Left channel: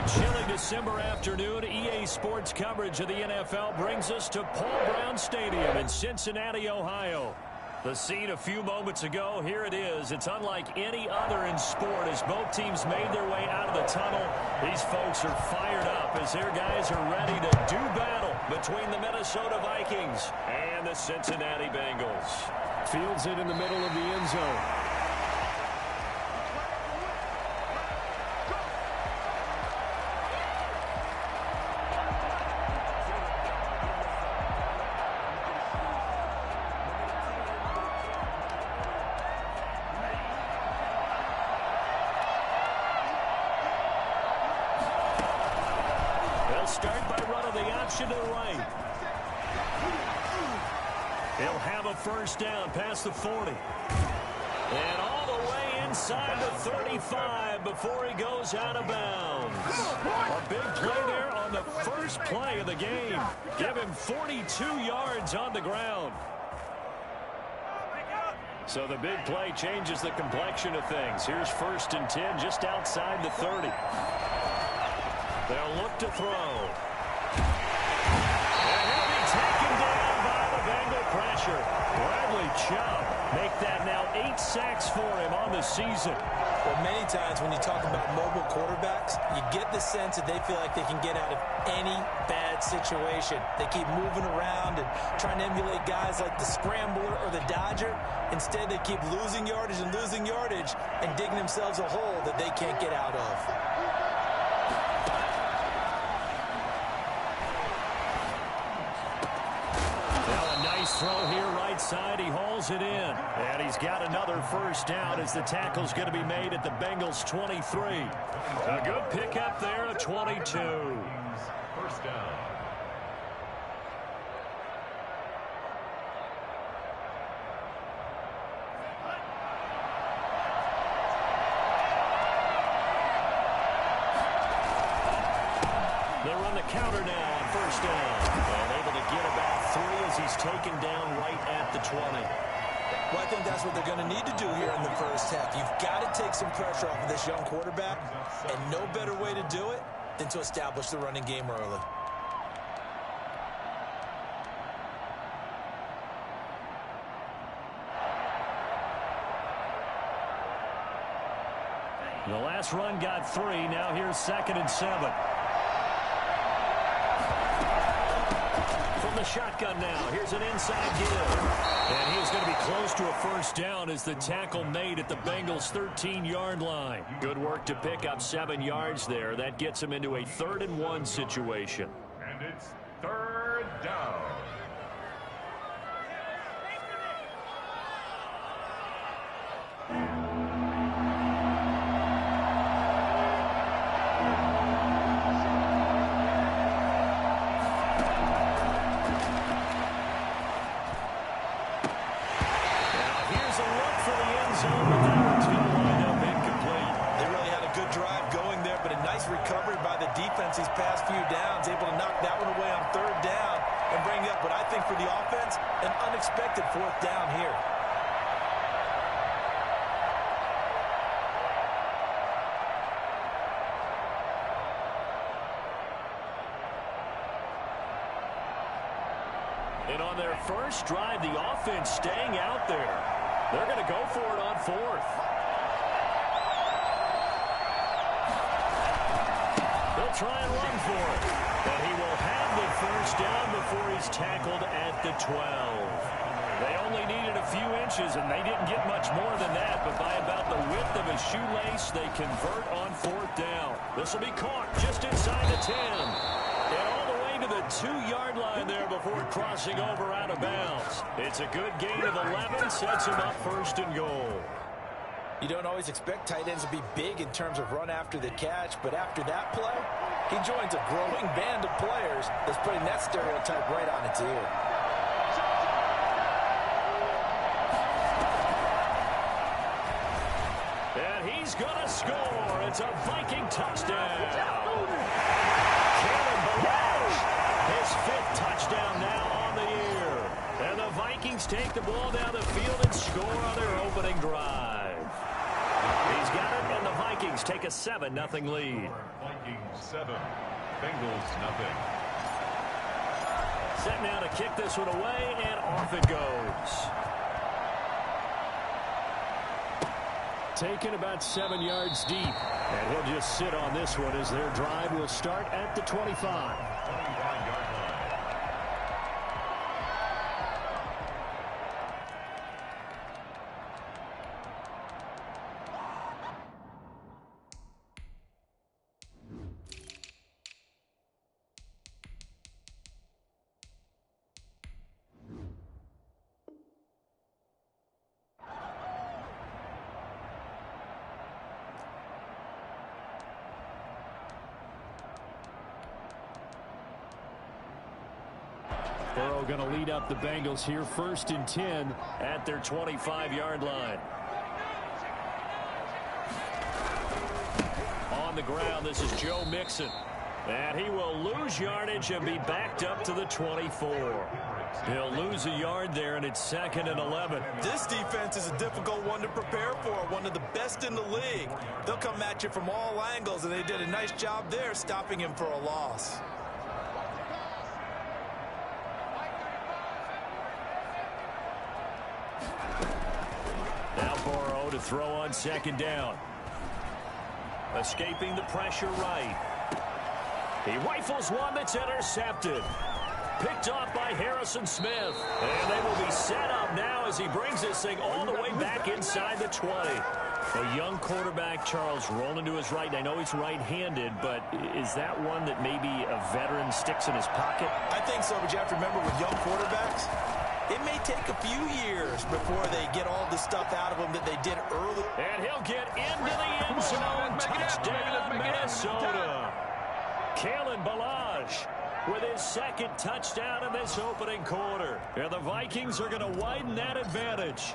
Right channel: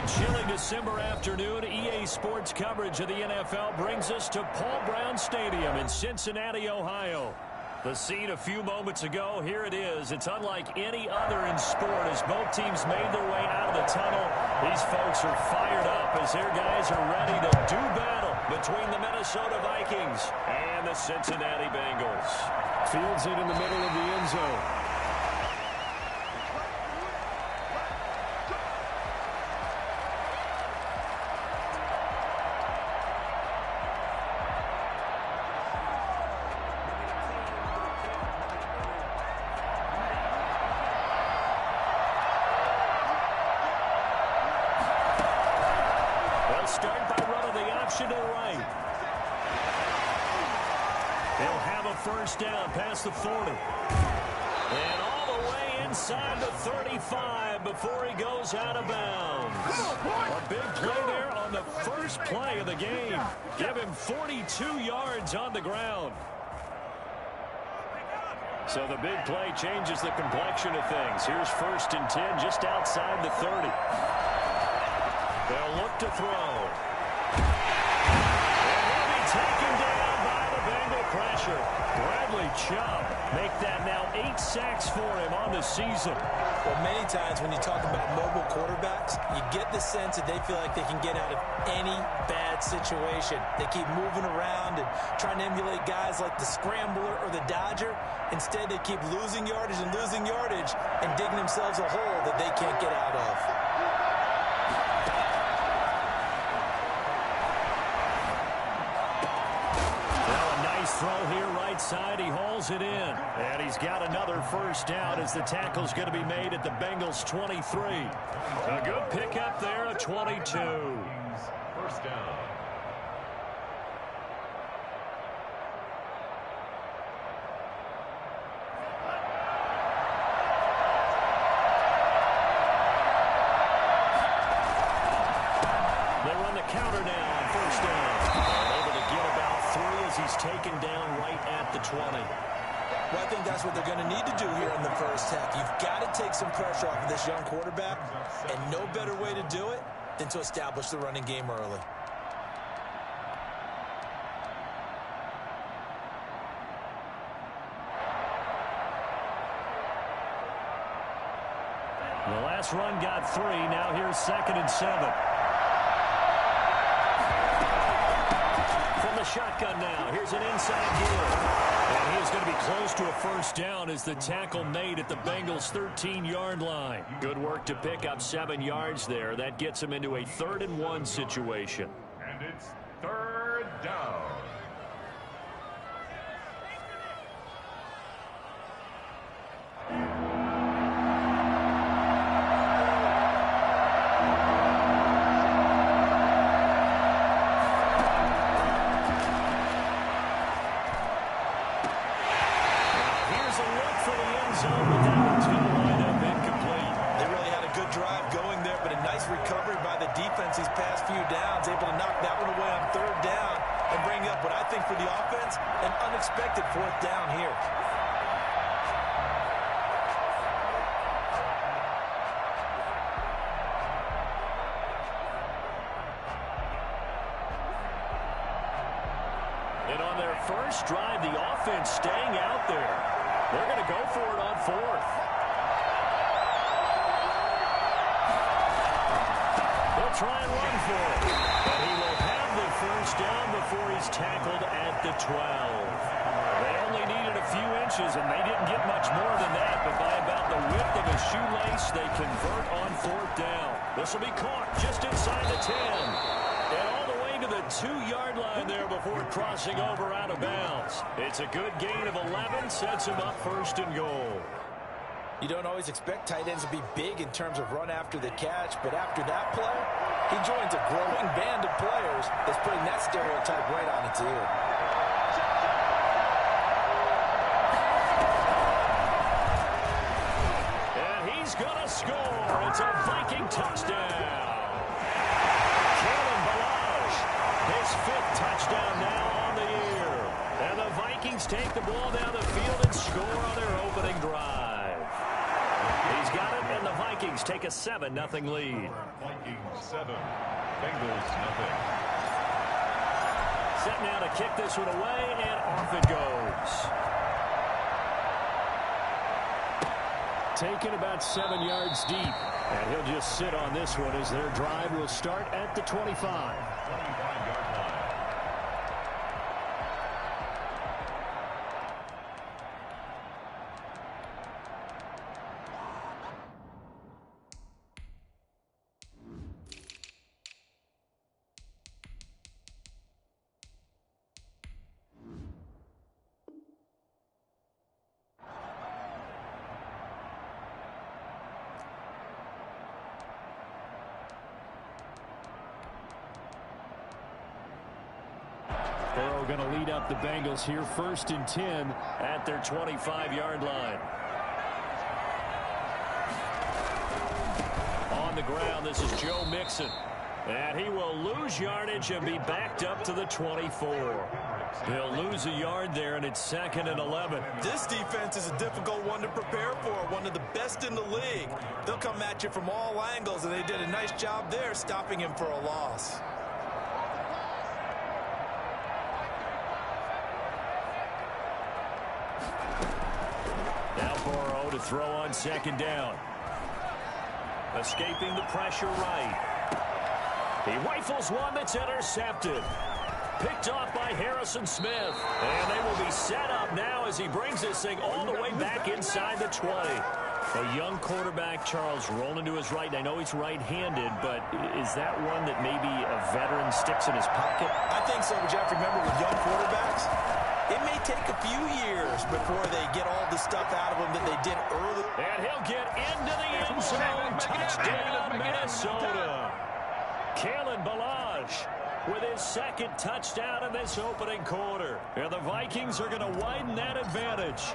a chilly December afternoon, EA Sports coverage of the NFL brings us to Paul Brown Stadium in Cincinnati, Ohio. The scene a few moments ago, here it is. It's unlike any other in sport as both teams made their way out of the tunnel. These folks are fired up as their guys are ready to do battle between the Minnesota Vikings and the Cincinnati Bengals. Fields it in the middle of the end zone. They'll start by running the option to the right. He'll have a first down past the 40. And all the way inside the 35 before he goes out of bounds. A big play there on the first play of the game. Give him 42 yards on the ground. So the big play changes the complexion of things. Here's 1st and 10 just outside the 30. They'll look to throw. And he'll be taken down by the Bengal pressure. Bradley Chubb make that now 8 sacks for him on the season. Well, many times when you talk about mobile quarterbacks, you get the sense that they feel like they can get out of any bad situation. They keep moving around and trying to emulate guys like the Scrambler or the Dodger. Instead, they keep losing yardage and digging themselves a hole that they can't get out of. Throw here right side. He hauls it in. And he's got another first down as the tackle's going to be made at the Bengals 23. A good pickup there at 22. First down. They run the counter now on first down. And able to get about 3 as he's taken down right at the 20. Well, I think that's what they're going to need to do here in the first half. You've got to take some pressure off of this young quarterback, and no better way to do it than to establish the running game early. The last run got 3. Now here's 2nd and 7. From the shotgun now. Here's an inside give. And he is going to be close to a first down as the tackle made at the Bengals' 13-yard line. Good work to pick up 7 yards there. That gets him into a 3rd and 1 situation. And it's 3rd down. These past few downs, able to knock that one away on 3rd down and bring up what I think for the offense, an unexpected 4th down here. And on their first drive, the offense staying out there. They're going to go for it on 4th. They'll try and run for it. And he will have the first down before he's tackled at the 12. They only needed a few inches, and they didn't get much more than that. But by about the width of a shoelace, they convert on 4th down. This will be caught just inside the 10. And all the way to the 2-yard line there before crossing over out of bounds. It's a good gain of 11, sets him up 1st and goal. You don't always expect tight ends to be big in terms of run after the catch, but after that play, he joins a growing band of players that's putting that stereotype right on its ear. And he's going to score. It's a Viking touchdown. Kalen Ballage, his 5th touchdown now on the year. And the Vikings take the ball down the field and score on their opening drive. He's got it, and the Vikings take a 7-0 lead. Vikings 7, Bengals nothing. Set now to kick this one away, and off it goes. Taken about 7 yards deep. And he'll just sit on this one as their drive will start at the 25. 25-yard line. Burrow going to lead up the Bengals here, 1st and 10 at their 25-yard line. On the ground, this is Joe Mixon. And he will lose yardage and be backed up to the 24. He'll lose a yard there, and it's 2nd and 11. This defense is a difficult one to prepare for, one of the best in the league. They'll come at you from all angles, and they did a nice job there stopping him for a loss. Now Burrow to throw on 2nd down. Escaping the pressure right. He rifles one that's intercepted. Picked off by Harrison Smith. And they will be set up now as he brings this thing all the way back inside the 20. A young quarterback, Charles, rolling to his right. And I know he's right-handed, but is that one that maybe a veteran sticks in his pocket? I think so, but you have to remember with young quarterbacks, it may take a few years before they get all the stuff out of them that they did early. And he'll get into the end zone. Touchdown, Minnesota. Kalen Ballage with his 2nd touchdown in this opening quarter. And the Vikings are going to widen that advantage.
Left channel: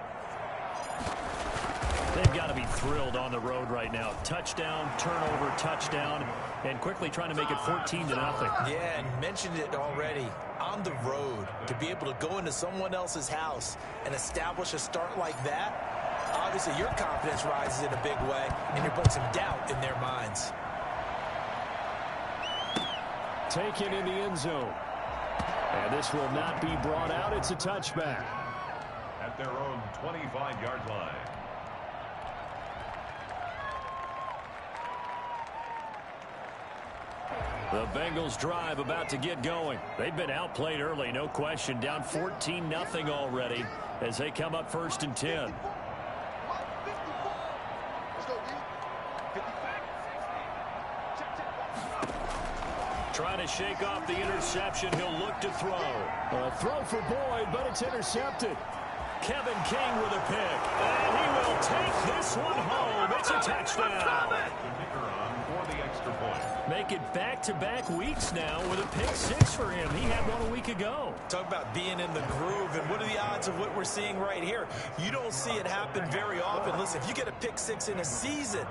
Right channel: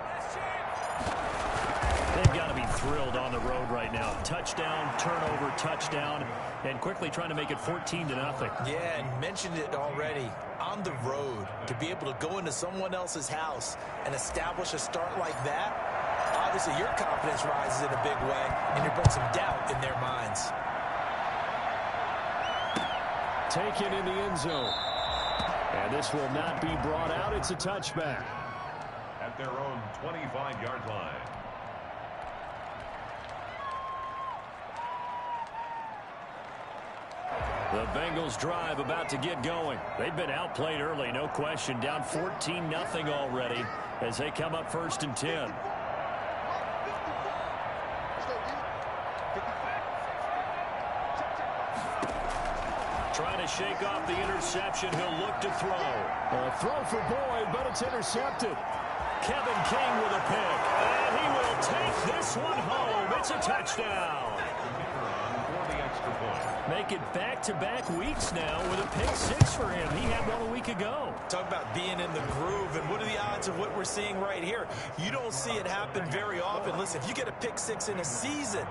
They've got to be thrilled on the road right now. Touchdown, turnover, touchdown, and quickly trying to make it 14-0. Yeah, and mentioned it already. On the road, to be able to go into someone else's house and establish a start like that, obviously your confidence rises in a big way, and you put some doubt in their minds. taken in the end zone. And this will not be brought out. It's a touchback. At their own 25-yard line. The Bengals drive about to get going. They've been outplayed early, no question. Down 14-0 already as they come up 1st and 10. Trying to shake off the interception. He'll look to throw. A throw for Boyd, but it's intercepted. Kevin King with a pick. And he will take this one home. It's a touchdown. For the extra point. Make it back-to-back weeks now with a pick six for him. He had one a week ago. Talk about being in the groove, and what are the odds of what we're seeing right here? You don't see it happen very often. Listen, if you get a pick six in a season,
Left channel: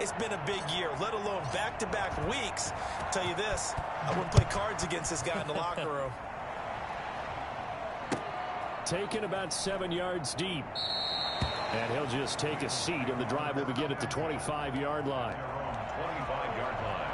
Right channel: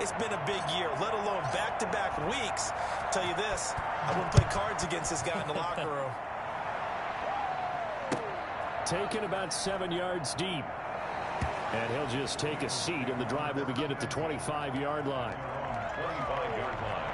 it's been a big year, let alone back-to-back weeks. I'll tell you this, I wouldn't play cards against this guy in the locker room. Taken about 7 yards deep. And he'll just take a seat, and the drive will begin at the 25-yard line. 25-yard line.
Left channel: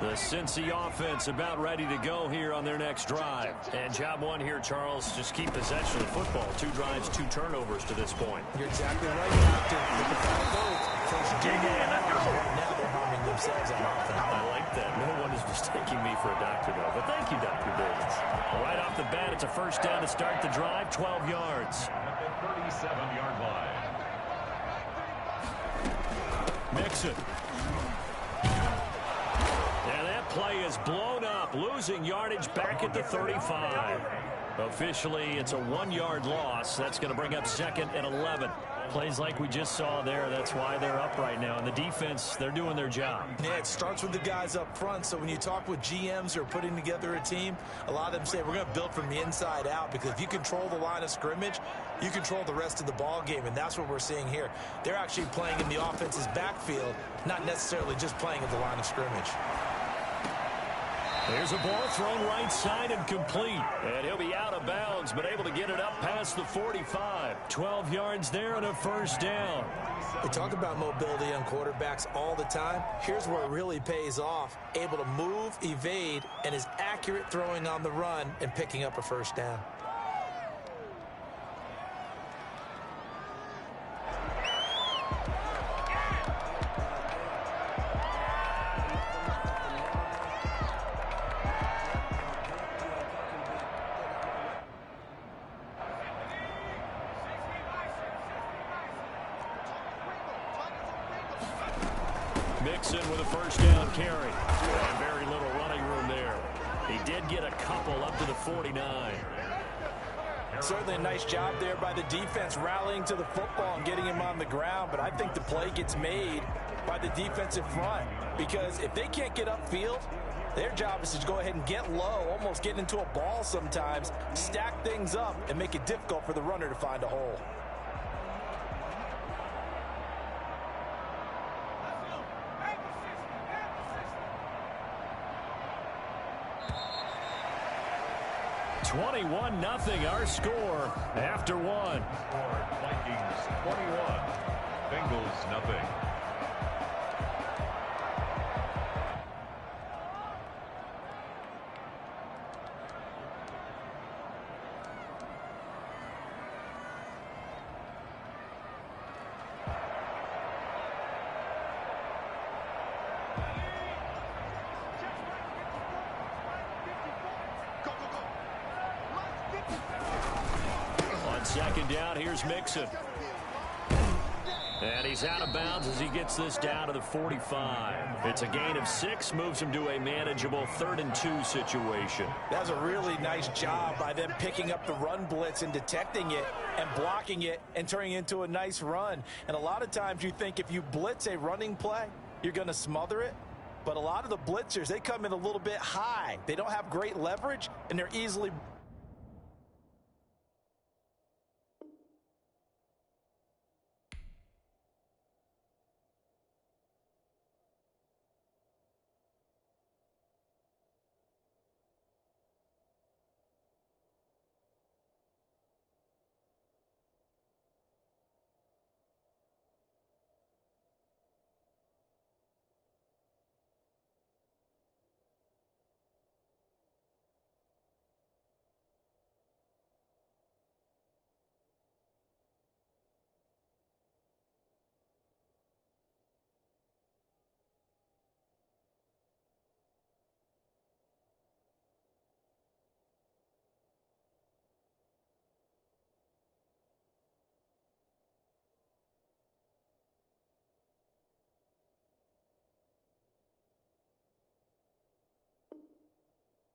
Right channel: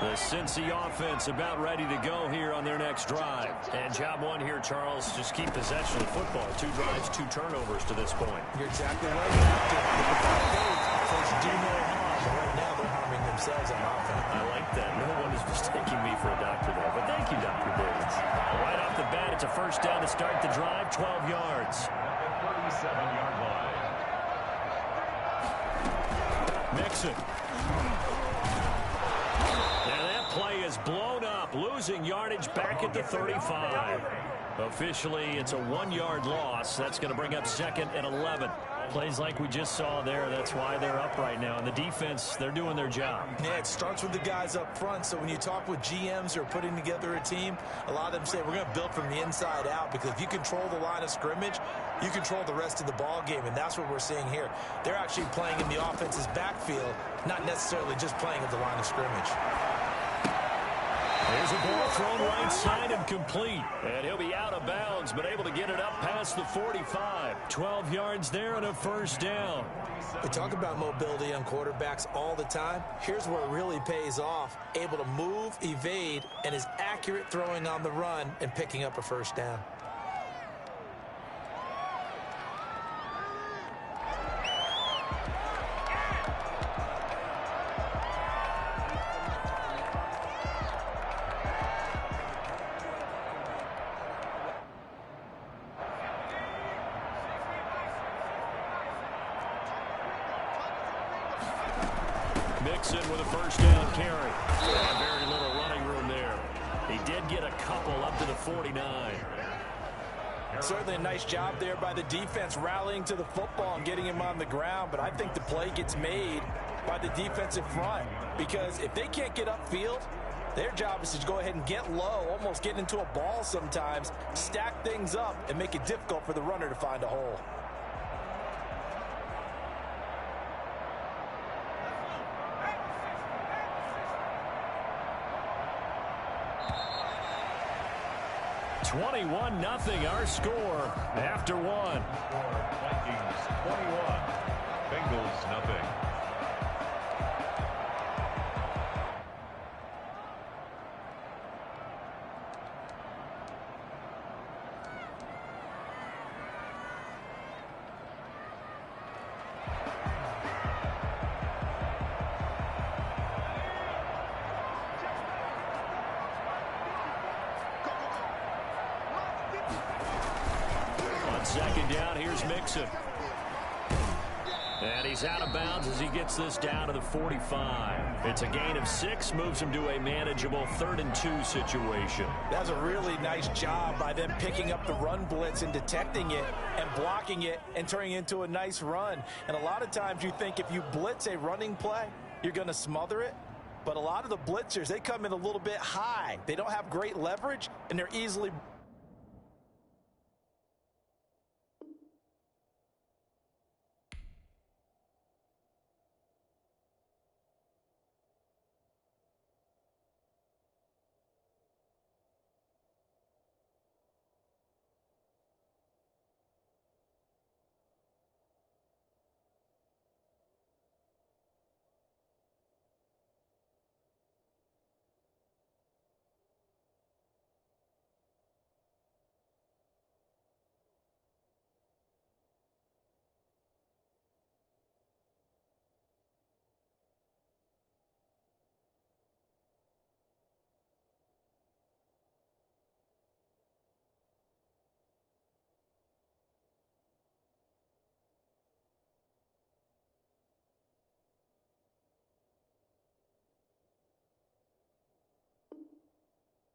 The Cincy offense about ready to go here on their next drive. And job one here, Charles, just keep possession of the football. 2 drives, 2 turnovers to this point. You're exactly right. You have to look at that goal. First, do no harm. But right now, they're harming themselves on offense. I like that. No one is mistaking me for a doctor, though. But thank you, Dr. Davis. Right off the bat, it's a first down to start the drive, 12 yards. At the 37-yard line. Mixon. And that play is blown up, losing yardage back at the 35. Officially, it's a 1-yard loss. That's going to bring up 2nd and 11. Plays like we just saw there. That's why they're up right now. And the defense, they're doing their job. Yeah, it starts with the guys up front. So when you talk with GMs who are putting together a team, a lot of them say we're going to build from the inside out, because if you control the line of scrimmage, you control the rest of the ball game, and that's what we're seeing here. They're actually playing in the offense's backfield, not necessarily just playing at the line of scrimmage. There's a ball thrown right side and complete. And he'll be out of bounds, but able to get it up past the 45. 12 yards there and a first down. We talk about mobility on quarterbacks all the time. Here's where it really pays off. Able to move, evade, and is accurate throwing on the run and picking up a first down. Mixon with a first down carry. And very little running room there. He did get a couple up to the 49. Certainly a nice job there by the defense rallying to the football and getting him on the ground, but I think the play gets made by the defensive front because if they can't get upfield, their job is to go ahead and get low, almost get into a ball sometimes, stack things up, and make it difficult for the runner to find a hole. (21-0) our score after one. Vikings 21, Bengals nothing. Second down, here's Mixon. And he's out of bounds as he gets this down to the 45. It's a gain of 6, moves him to a manageable 3rd and 2 situation. That's a really nice job by them picking up the run blitz and detecting it and blocking it and turning it into a nice run. And a lot of times you think if you blitz a running play, you're going to smother it. But a lot of the blitzers, they come in a little bit high. They don't have great leverage, and they're easily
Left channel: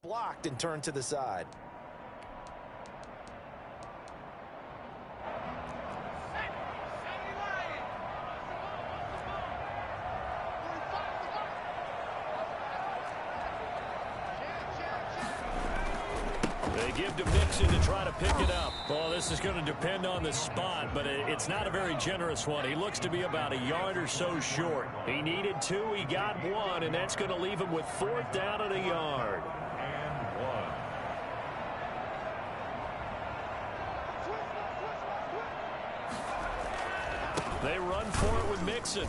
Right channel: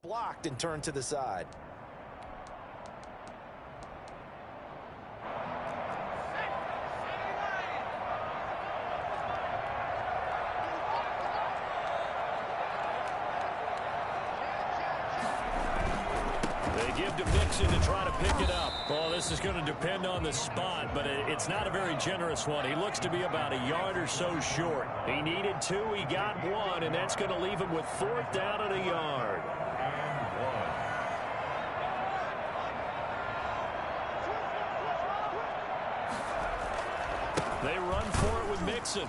blocked and turned to the side. They give to Mixon to try to pick it up. Well, this is going to depend on the spot, but it's not a very generous one. He looks to be about a yard or so short. He needed 2, he got 1, and that's going to leave him with 4th down and a yard. And 1. They run for it with Mixon.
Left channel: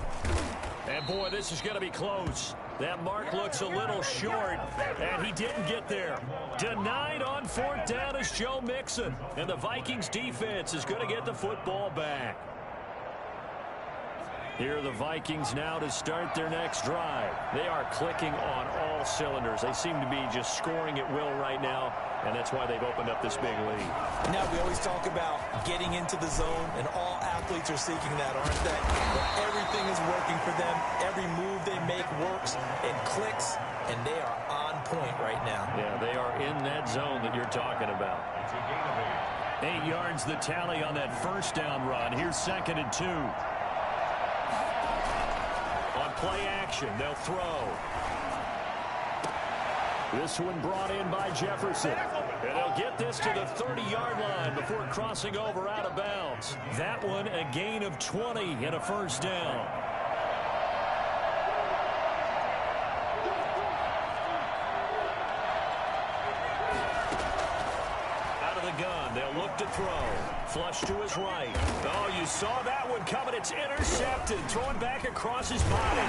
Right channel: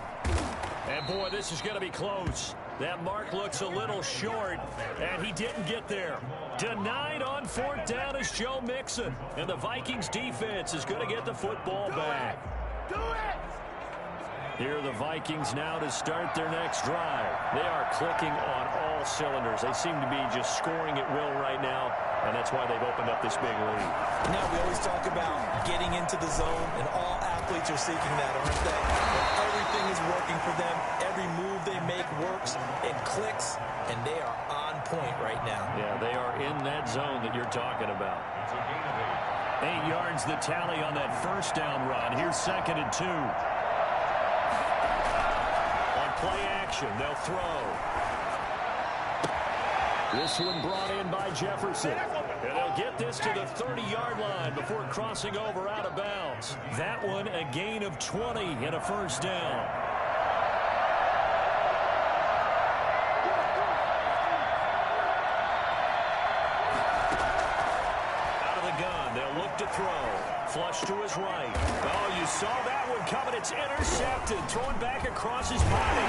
And, boy, this is going to be close. That mark looks a little short, and he didn't get there. Denied on 4th down is Joe Mixon. And the Vikings defense is going to get the football back. Here are the Vikings now to start their next drive. They are clicking on all cylinders. They seem to be just scoring at will right now, and that's why they've opened up this big lead. Now, we always talk about getting into the zone, and all athletes are seeking that, aren't they? But everything is working for them. Every move they make works and clicks, and they are on point right now. Yeah, they are in that zone that you're talking about. It's a gain of 8. 8 yards the tally on that first down run. Here's 2nd and 2. On play action, they'll throw. This one brought in by Jefferson. And they'll get this to the 30-yard line before crossing over out of bounds. That one a gain of 20 and a first down. They'll look to throw. Flush to his right. Oh, you saw that one coming. It's intercepted. Throwing back across his body.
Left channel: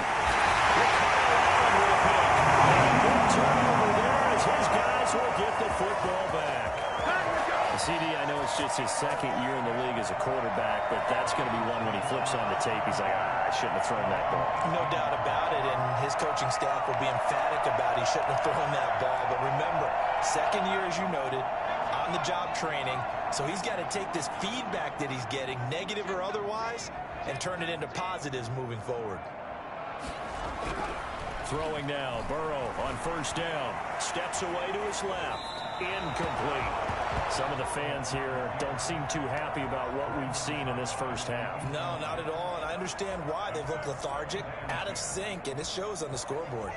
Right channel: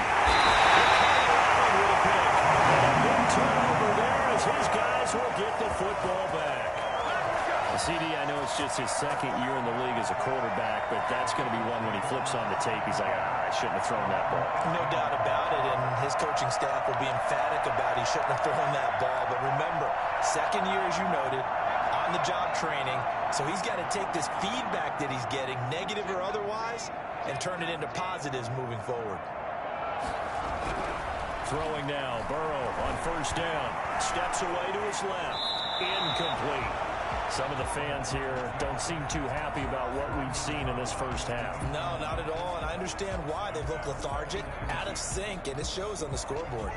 With a pick. And a big turnover there as his guys will get the football back. CD, I know it's just his second year in the league as a quarterback, but that's going to be one when he flips on the tape. He's like, I shouldn't have thrown that ball. No doubt about it, and his coaching staff will be emphatic about he shouldn't have thrown that ball. But remember, second year, as you noted, on-the-job training, so he's got to take this feedback that he's getting, negative or otherwise, and turn it into positives moving forward. Throwing now, Burrow on first down. Steps away to his left. Incomplete. Some of the fans here don't seem too happy about what we've seen in this first half. No, not at all, and I understand why. They've looked lethargic, out of sync, and it shows on the scoreboard.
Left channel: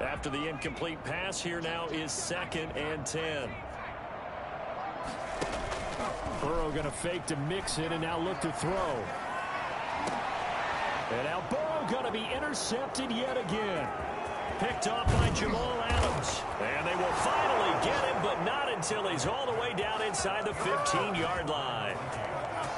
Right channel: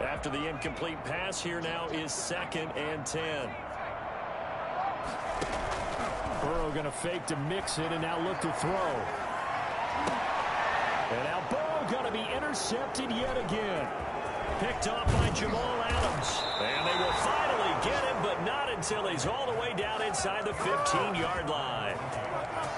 After the incomplete pass, here now is 2nd and 10. Burrow going to fake to mix it and now look to throw. And now Burrow going to be intercepted yet again. Picked off by Jamal Adams. And they will finally get him, but not until he's all the way down inside the 15-yard line.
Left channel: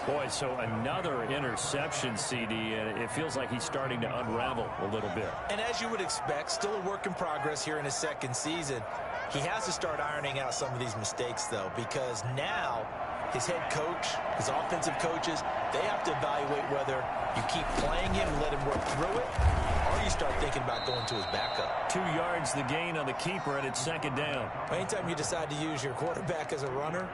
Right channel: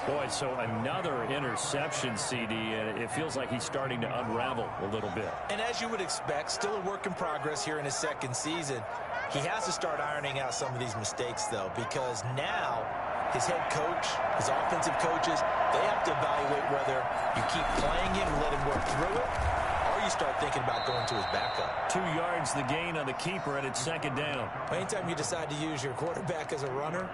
Boy, so another interception, CD, and it feels like he's starting to unravel a little bit. And as you would expect, still a work in progress here in his second season. He has to start ironing out some of these mistakes, though, because now his head coach, his offensive coaches, they have to evaluate whether you keep playing him and let him work through it, or you start thinking about going to his backup. 2 yards the gain on the keeper, and it's 2nd down. Anytime you decide to use your quarterback as a runner,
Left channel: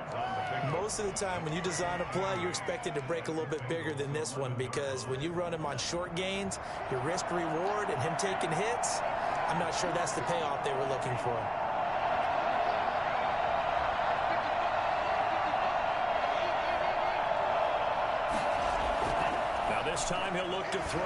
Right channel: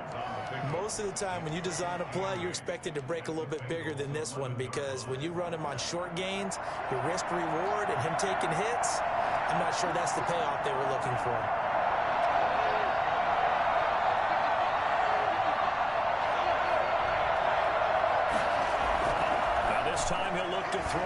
most of the time when you design a play, you're expected to break a little bit bigger than this one, because when you run him on short gains, your risk-reward and him taking hits, I'm not sure that's the payoff they were looking for. This time he'll look to throw.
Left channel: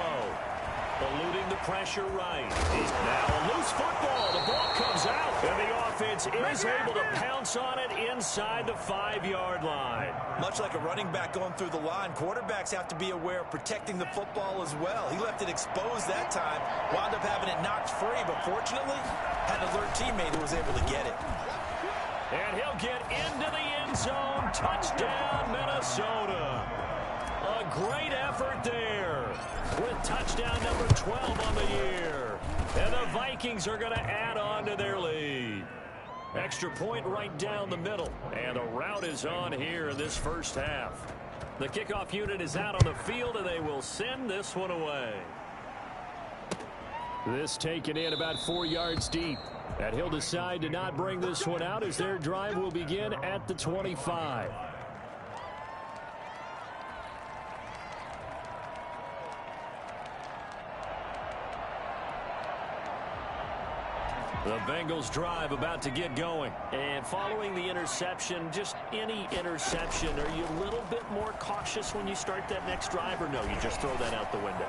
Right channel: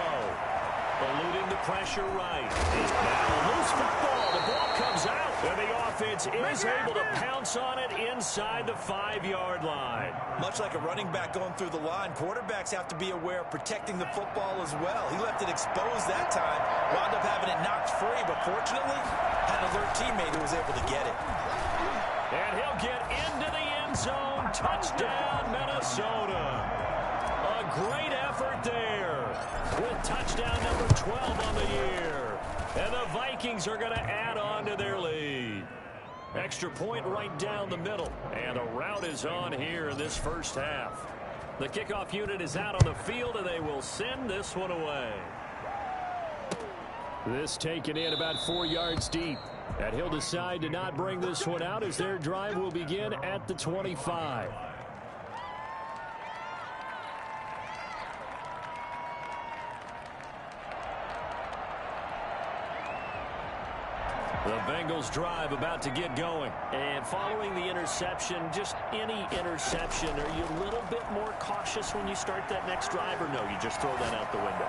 Eluding the pressure right. He's now a loose football. The ball comes out. And the offense is able to pounce on it inside the 5-yard line. Much like a running back going through the line, quarterbacks have to be aware of protecting the football as well. He left it exposed that time. Wound up having it knocked free, but fortunately, had an alert teammate who was able to get it. And he'll get into the end zone. Touchdown, Minnesota. A great effort there with touchdown number 12 on the year. And the Vikings are going to add on to their lead. Extra point right down the middle. And the route is on here in this first half. The kickoff unit is out on the field, and they will send this one away. This taken in about 4 yards deep. And he'll decide to not bring this one out as their drive will begin at the 25. The Bengals drive about to get going. And following the interception, just any interception, are you a little bit more cautious when you start that next drive, or no, you just throw that out the window?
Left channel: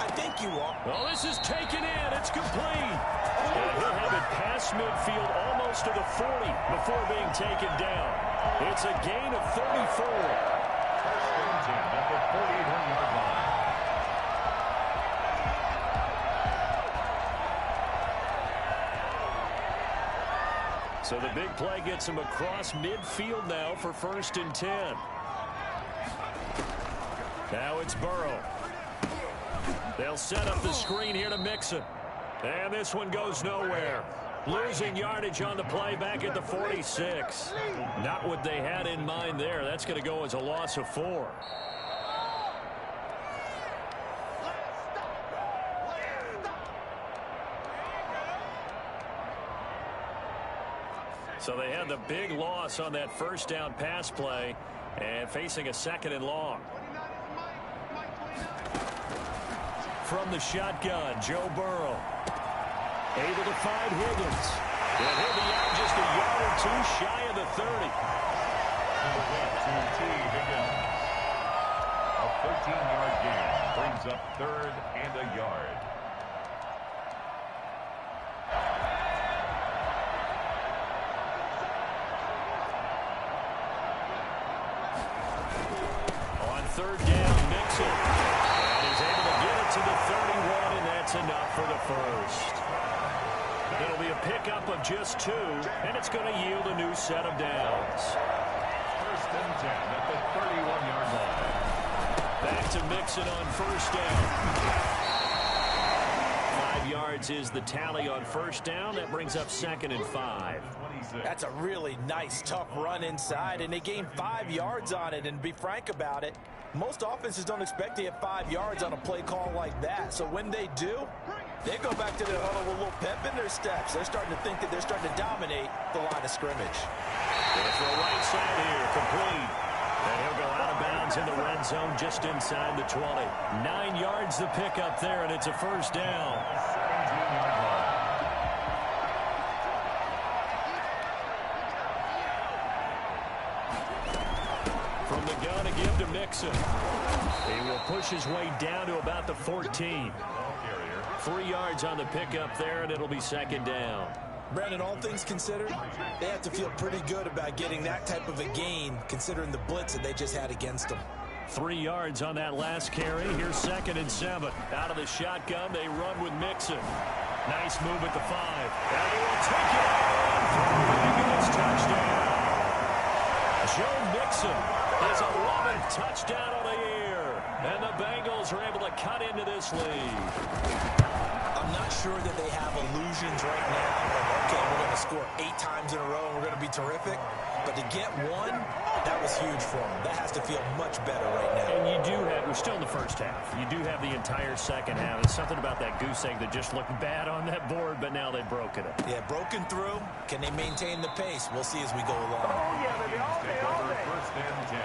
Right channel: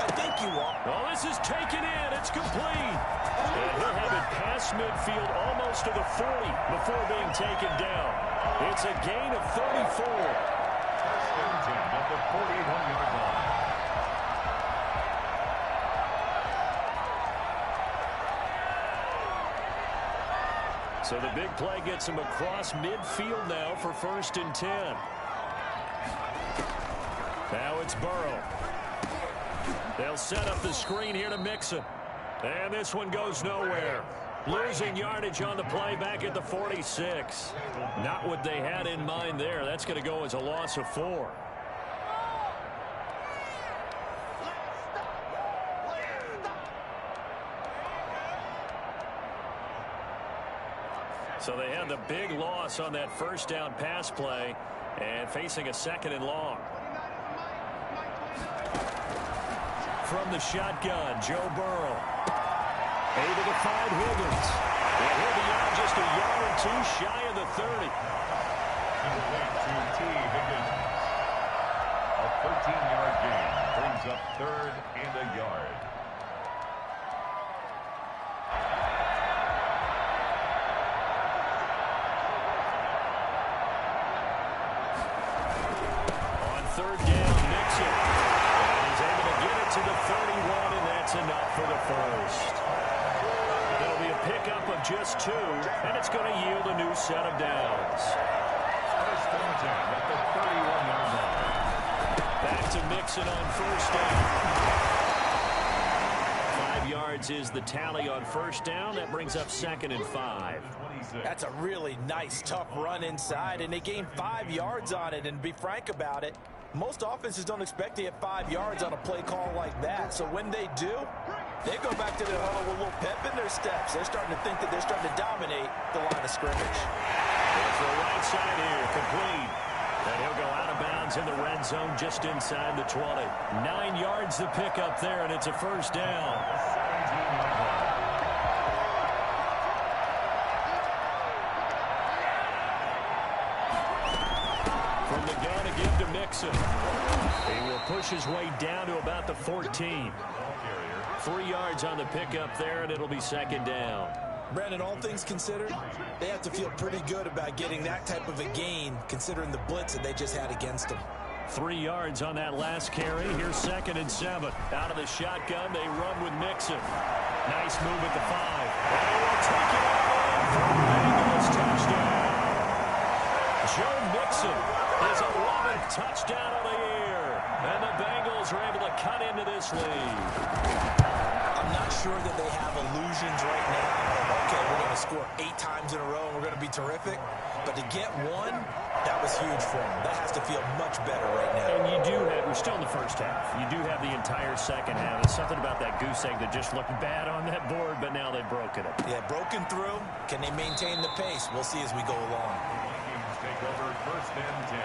I think you are. Oh, this is taken in. It's complete. And he'll have it past midfield almost to the 40 before being taken down. It's a gain of 34. 1st and 10 at the 41-yard line. So the big play gets him across midfield now for 1st and 10. Now it's Burrow. They'll set up the screen here to Mixon. And this one goes nowhere. Losing yardage on the play back at the 46. Not what they had in mind there. That's going to go as a loss of 4. So they had the big loss on that first down pass play and facing a 2nd and long. From the shotgun, Joe Burrow. Able to find Higgins. And he'll be out just a yard or 2 shy of the 30. Complete to T. Higgins. A 13-yard gain brings up 3rd and a yard. third down, Mixon. And he's able to get it to the 31, and that's enough for the first. It'll be a pickup of just 2, and it's going to yield a new set of downs. First and 10 at the 31-yard line. Back to Mixon on first down. 5 yards is the tally on first down. That brings up 2nd and 5. That's a really nice, tough run inside, and they gained 5 yards on it. And to be frank about it, most offenses don't expect to get 5 yards on a play call like that. So when they do, they go back to their huddle with a little pep in their steps. They're starting to think that they're starting to dominate the line of scrimmage. Going to throw right side here, complete. And he'll go out of bounds in the red zone just inside the 20. 9 yards to pick up there, and it's a first down. 17-yard line. From the gun to give to Mixon. He will push his way down to about the 14. 3 yards on the pickup there, and it'll be 2nd down. Brandon, all things considered, they have to feel pretty good about getting that type of a gain, considering the blitz that they just had against them. 3 yards on that last carry. Here's 2nd and 7. Out of the shotgun, they run with Mixon. Nice move at the 5. And he will take it out in for the Bengals touchdown. Joe Mixon, his 11th touchdown of the year. And the Bengals are able to cut into this lead. I'm not sure that they have illusions right now of, okay, we're going to score 8 times in a row and we're going to be terrific. But to get one, that was huge for them. That has to feel much better right now. And you do have, we're still in the first half. You do have the entire second half. There's something about that goose egg that just looked bad on that board, but now they've broken it. Yeah, broken through. Can they maintain the pace? We'll see as we go along. Vikings take over first and 10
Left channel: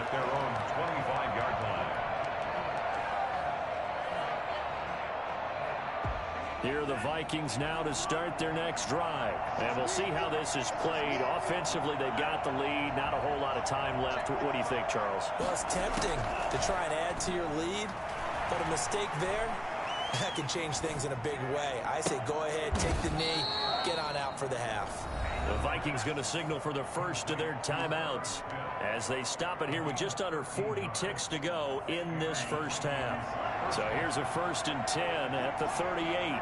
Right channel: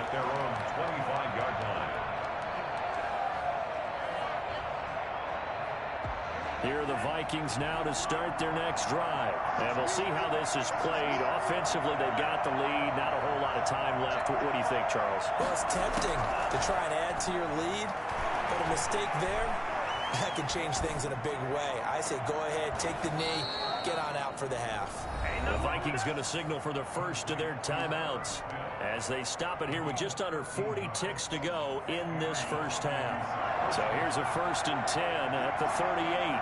at their own 25-yard line. Here are the Vikings now to start their next drive. And we'll see how this is played. Offensively, they've got the lead. Not a whole lot of time left. What do you think, Charles? Well, it's tempting to try and add to your lead, but a mistake there, that can change things in a big way. I say go ahead, take the knee, get on out for the half. The Vikings going to signal for the first of their timeouts as they stop it here with just under 40 ticks to go in this first half. So here's a 1st and 10 at the 38.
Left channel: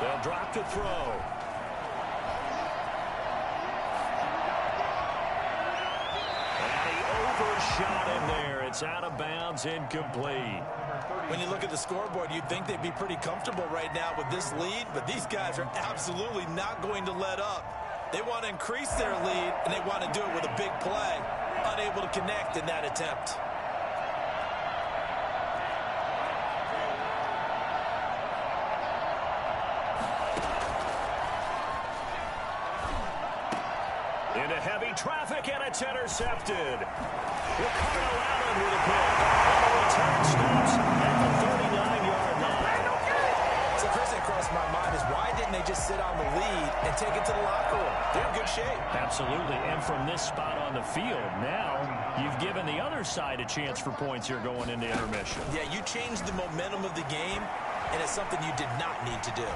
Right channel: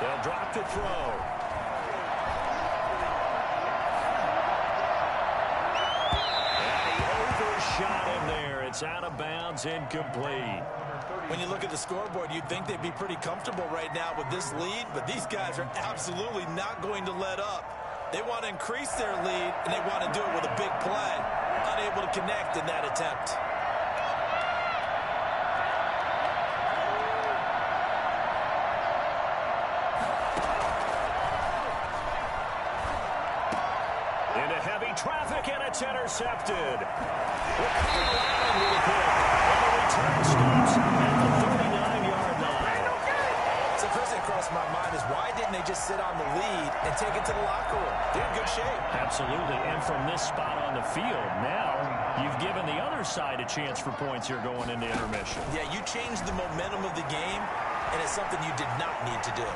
They'll drop to throw. And he overshot him there. It's out of bounds, incomplete. When you look at the scoreboard, you'd think they'd be pretty comfortable right now with this lead, but these guys are absolutely not going to let up. They want to increase their lead, and they want to do it with a big play. Unable to connect in that attempt. Into heavy traffic, and it's intercepted. Ricardo Allen with a pick. And the return stops at the 39-yard line. So first thing across my mind is why didn't they just sit on the lead and take it to the locker room? They're in good shape. Absolutely. And from this spot on the field, now you've given the other side a chance for points here going into intermission. Yeah, you changed the momentum of the game, and it's something you did not need to do.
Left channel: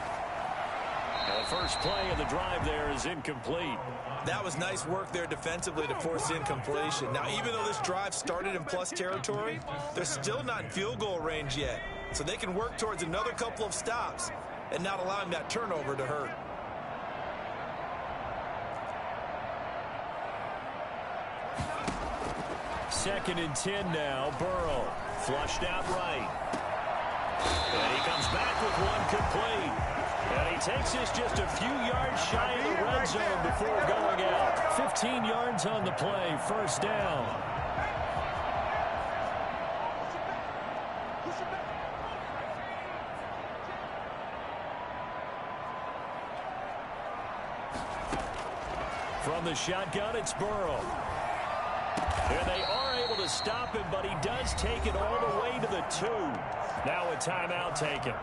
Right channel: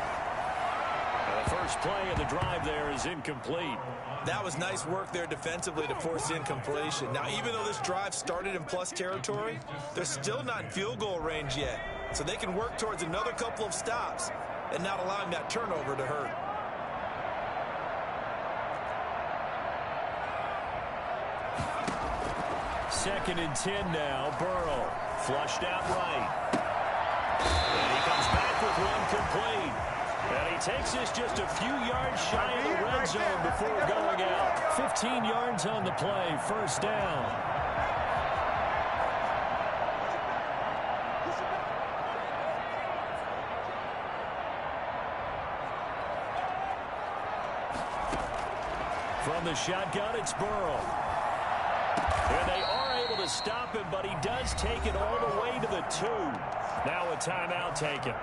The first play of the drive there is incomplete. That was nice work there defensively to force incompletion. Now, even though this drive started in plus territory, they're still not in field goal range yet. So they can work towards another couple of stops and not allowing that turnover to hurt. Second and 10 now. Burrow flushed out right. And he comes back with one complete. And he takes this just a few yards shy of the red zone before going out. 15 yards on the play, first down. From the shotgun, it's Burrow. And they are able to stop him, but he does take it all the way to the 2. Now a timeout taken.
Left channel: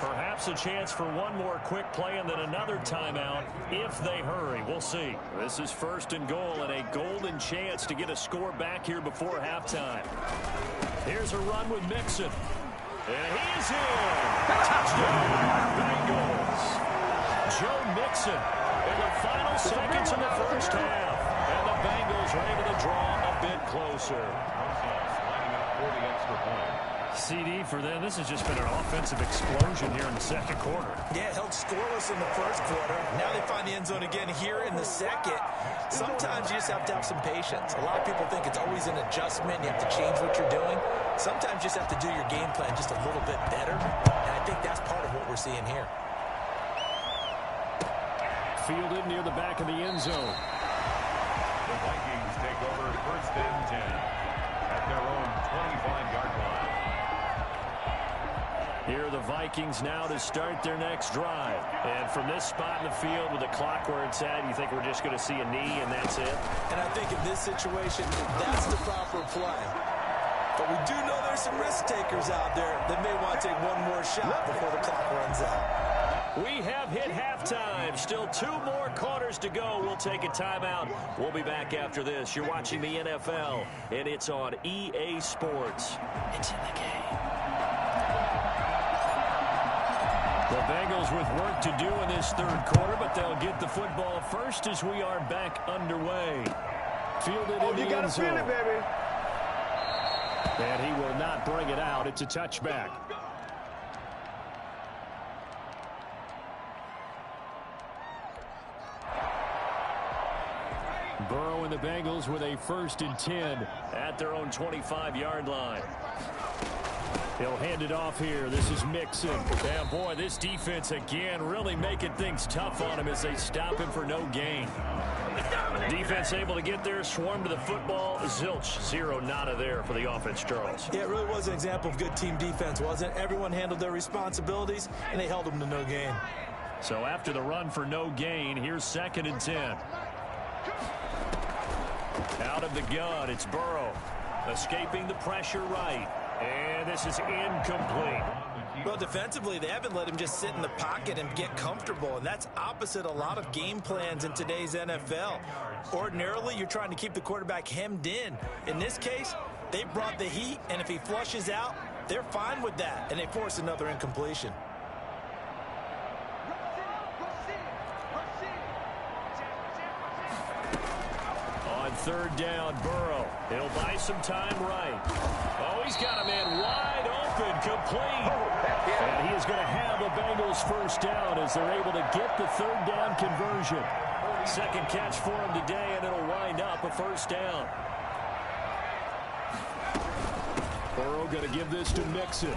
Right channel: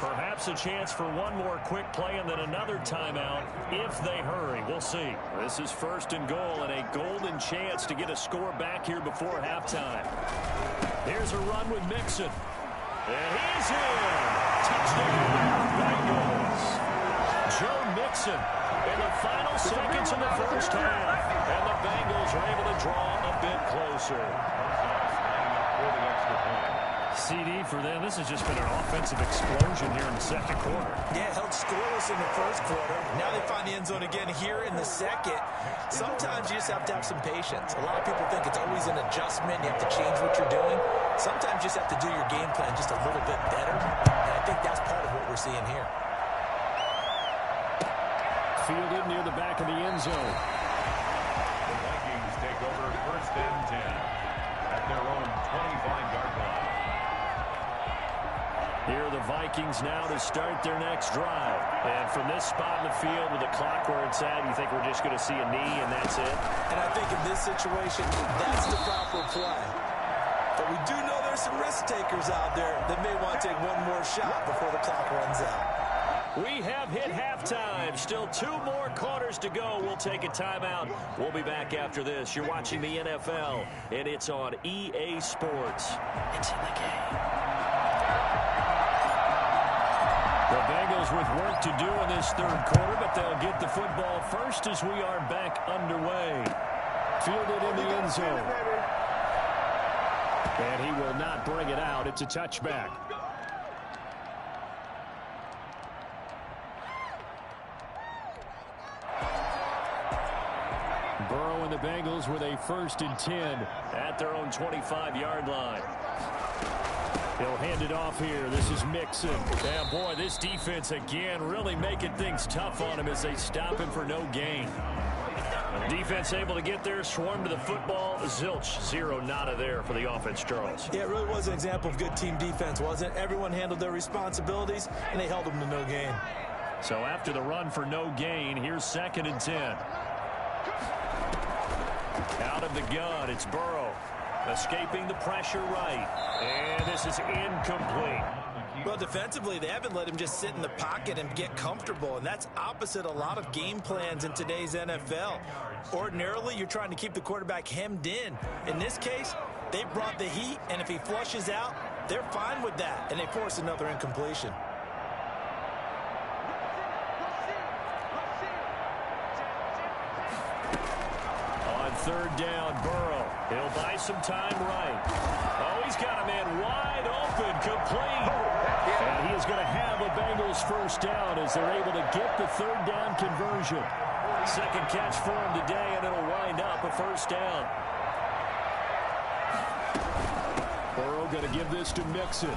Perhaps a chance for one more quick play and then another timeout if they hurry. We'll see. This is 1st and goal and a golden chance to get a score back here before halftime. Here's a run with Mixon. And he's in. Touchdown, Bengals. Joe Mixon in the final seconds of the first half. And the Bengals are able to draw a bit closer. Lining up for the extra point. CD for them. This has just been an offensive explosion here in the second quarter. Yeah, held scoreless in the first quarter. Now they find the end zone again here in the second. Sometimes you just have to have some patience. A lot of people think it's always an adjustment. You have to change what you're doing. Sometimes you just have to do your game plan just a little bit better. And I think that's part of what we're seeing here. Fielded near the back of the end zone. The Vikings take over first and 10 at their own 25-yard line. Here are the Vikings now to start their next drive. And from this spot in the field with the clock where it's at, you think we're just going to see a knee and that's it? And I think in this situation, that's the proper play. But we do know there's some risk takers out there that may want to take one more shot before the clock runs out. We have hit halftime. Still 2 more quarters to go. We'll take a timeout. We'll be back after this. You're watching the NFL, and it's on EA Sports. It's in the game. The Bengals with work to do in this third quarter, but they'll get the football first as we are back underway. Fielded in the end zone. And he will not bring it out. It's a touchback. Burrow and the Bengals with a 1st and 10 at their own 25-yard line. He'll hand it off here. This is Mixon. And boy, this defense again really making things tough on him as they stop him for no gain. Defense able to get there, swarm to the football. Zilch, 0 nada there for the offense, Charles. Yeah, it really was an example of good team defense, wasn't it? Everyone handled their responsibilities, and they held them to no gain. So after the run for no gain, here's 2nd and 10. Out of the gun, it's Burrow. Escaping the pressure right. And this is incomplete. Well, defensively, they haven't let him just sit in the pocket and get comfortable, and that's opposite a lot of game plans in today's NFL. Ordinarily, you're trying to keep the quarterback hemmed in. In this case, they brought the heat, and if he flushes out, they're fine with that, and they force another incompletion. On 3rd down, Burrow. He'll buy some time right. Oh, he's got a man wide open, complete. And he is going to have a Bengals 1st down as they're able to get the 3rd down conversion. 2nd catch for him today, and it'll wind up a 1st down. Burrow going to give this to Mixon.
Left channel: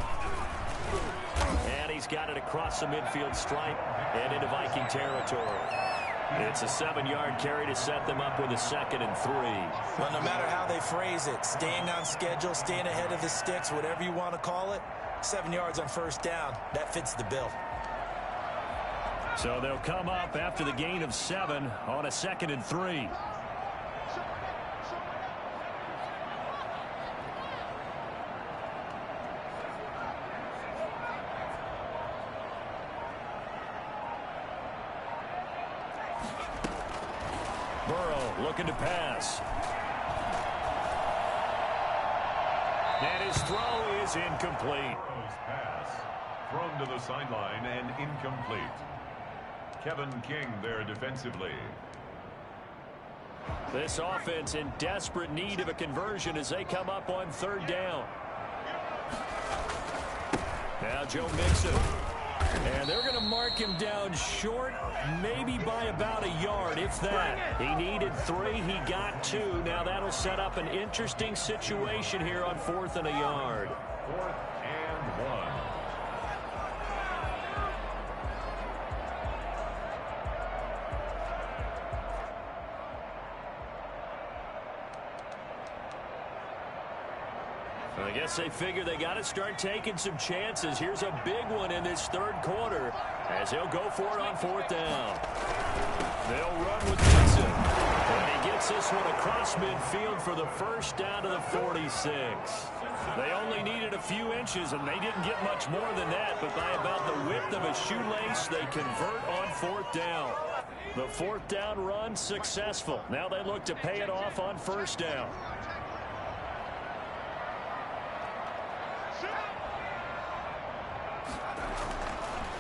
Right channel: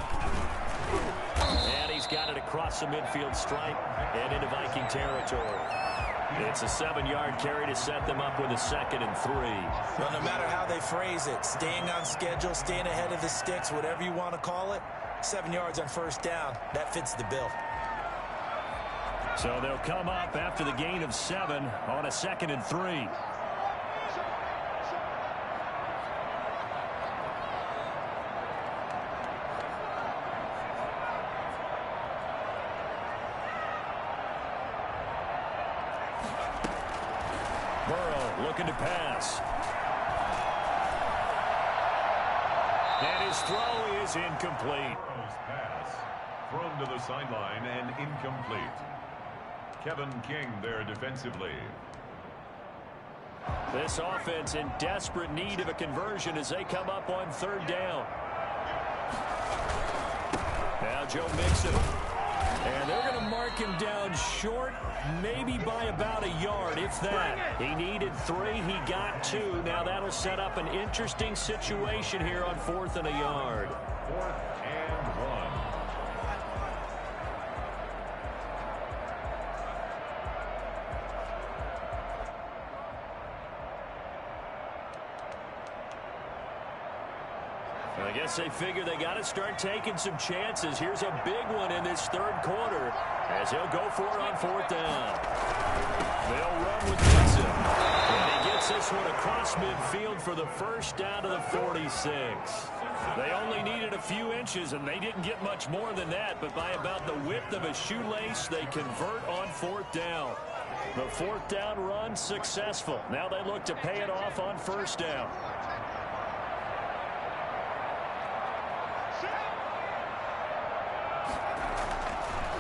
And he's got it across the midfield stripe and into Viking territory. It's a 7-yard carry to set them up with a 2nd and 3. Well, no matter how they phrase it, staying on schedule, staying ahead of the sticks, whatever you want to call it, 7 yards on 1st down, that fits the bill. So they'll come up after the gain of 7 on a 2nd and 3. Burrow looking to pass. And his throw is incomplete. Pass thrown to the sideline and incomplete. Kevin King there defensively. This offense in desperate need of a conversion as they come up on 3rd down. Now Joe Mixon. And they're going to mark him down short, maybe by about a yard, if that. He needed 3. He got 2. Now that'll set up an interesting situation here on 4th and a yard. 4th and 1. I guess they figure they got to start taking some chances. Here's a big one in this 3rd quarter as he'll go for it on 4th down. They'll run with Mixon. And he gets this one across midfield for the 1st down to the 46. They only needed a few inches, and they didn't get much more than that. But by about the width of a shoelace, they convert on 4th down. The 4th down run successful. Now they look to pay it off on 1st down.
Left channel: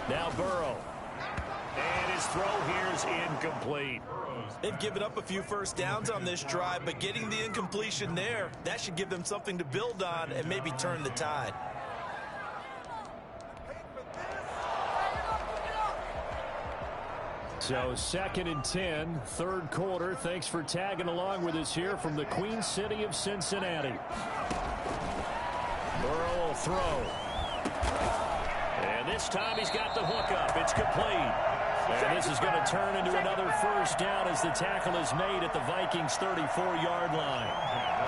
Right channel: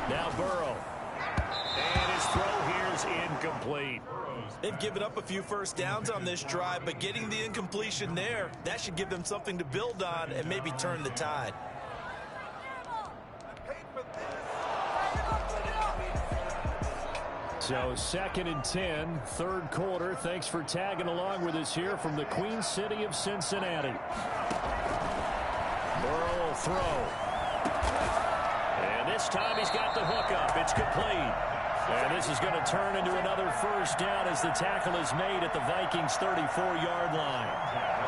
Now Burrow. And his throw here is incomplete. They've given up a few first downs on this drive, but getting the incompletion there, that should give them something to build on and maybe turn the tide. So 2nd and 10, third quarter. Thanks for tagging along with us here from the Queen City of Cincinnati. Burrow will throw. And this time he's got the hook up. It's complete. And this is going to turn into another first down as the tackle is made at the Vikings' 34-yard line.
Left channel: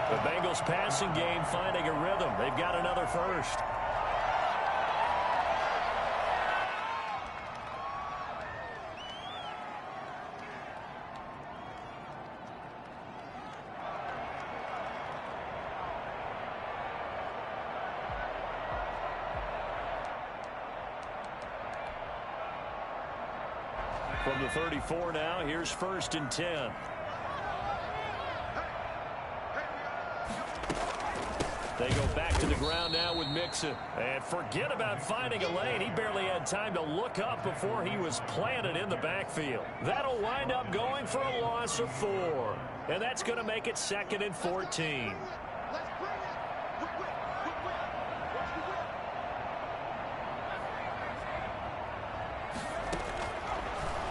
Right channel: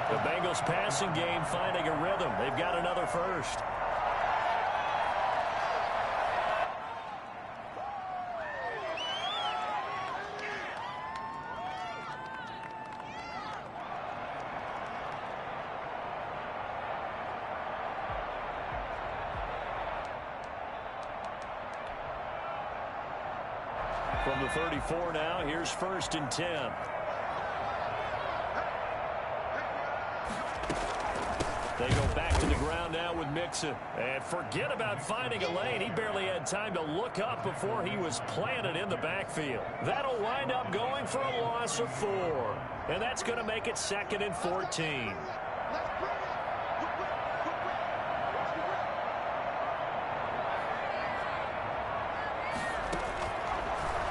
The Bengals passing game finding a rhythm. They've got another first. From the 34 now, here's 1st and 10. They go back to the ground now with Mixon. And forget about finding a lane. He barely had time to look up before he was planted in the backfield. That'll wind up going for a loss of 4. And that's going to make it 2nd and 14.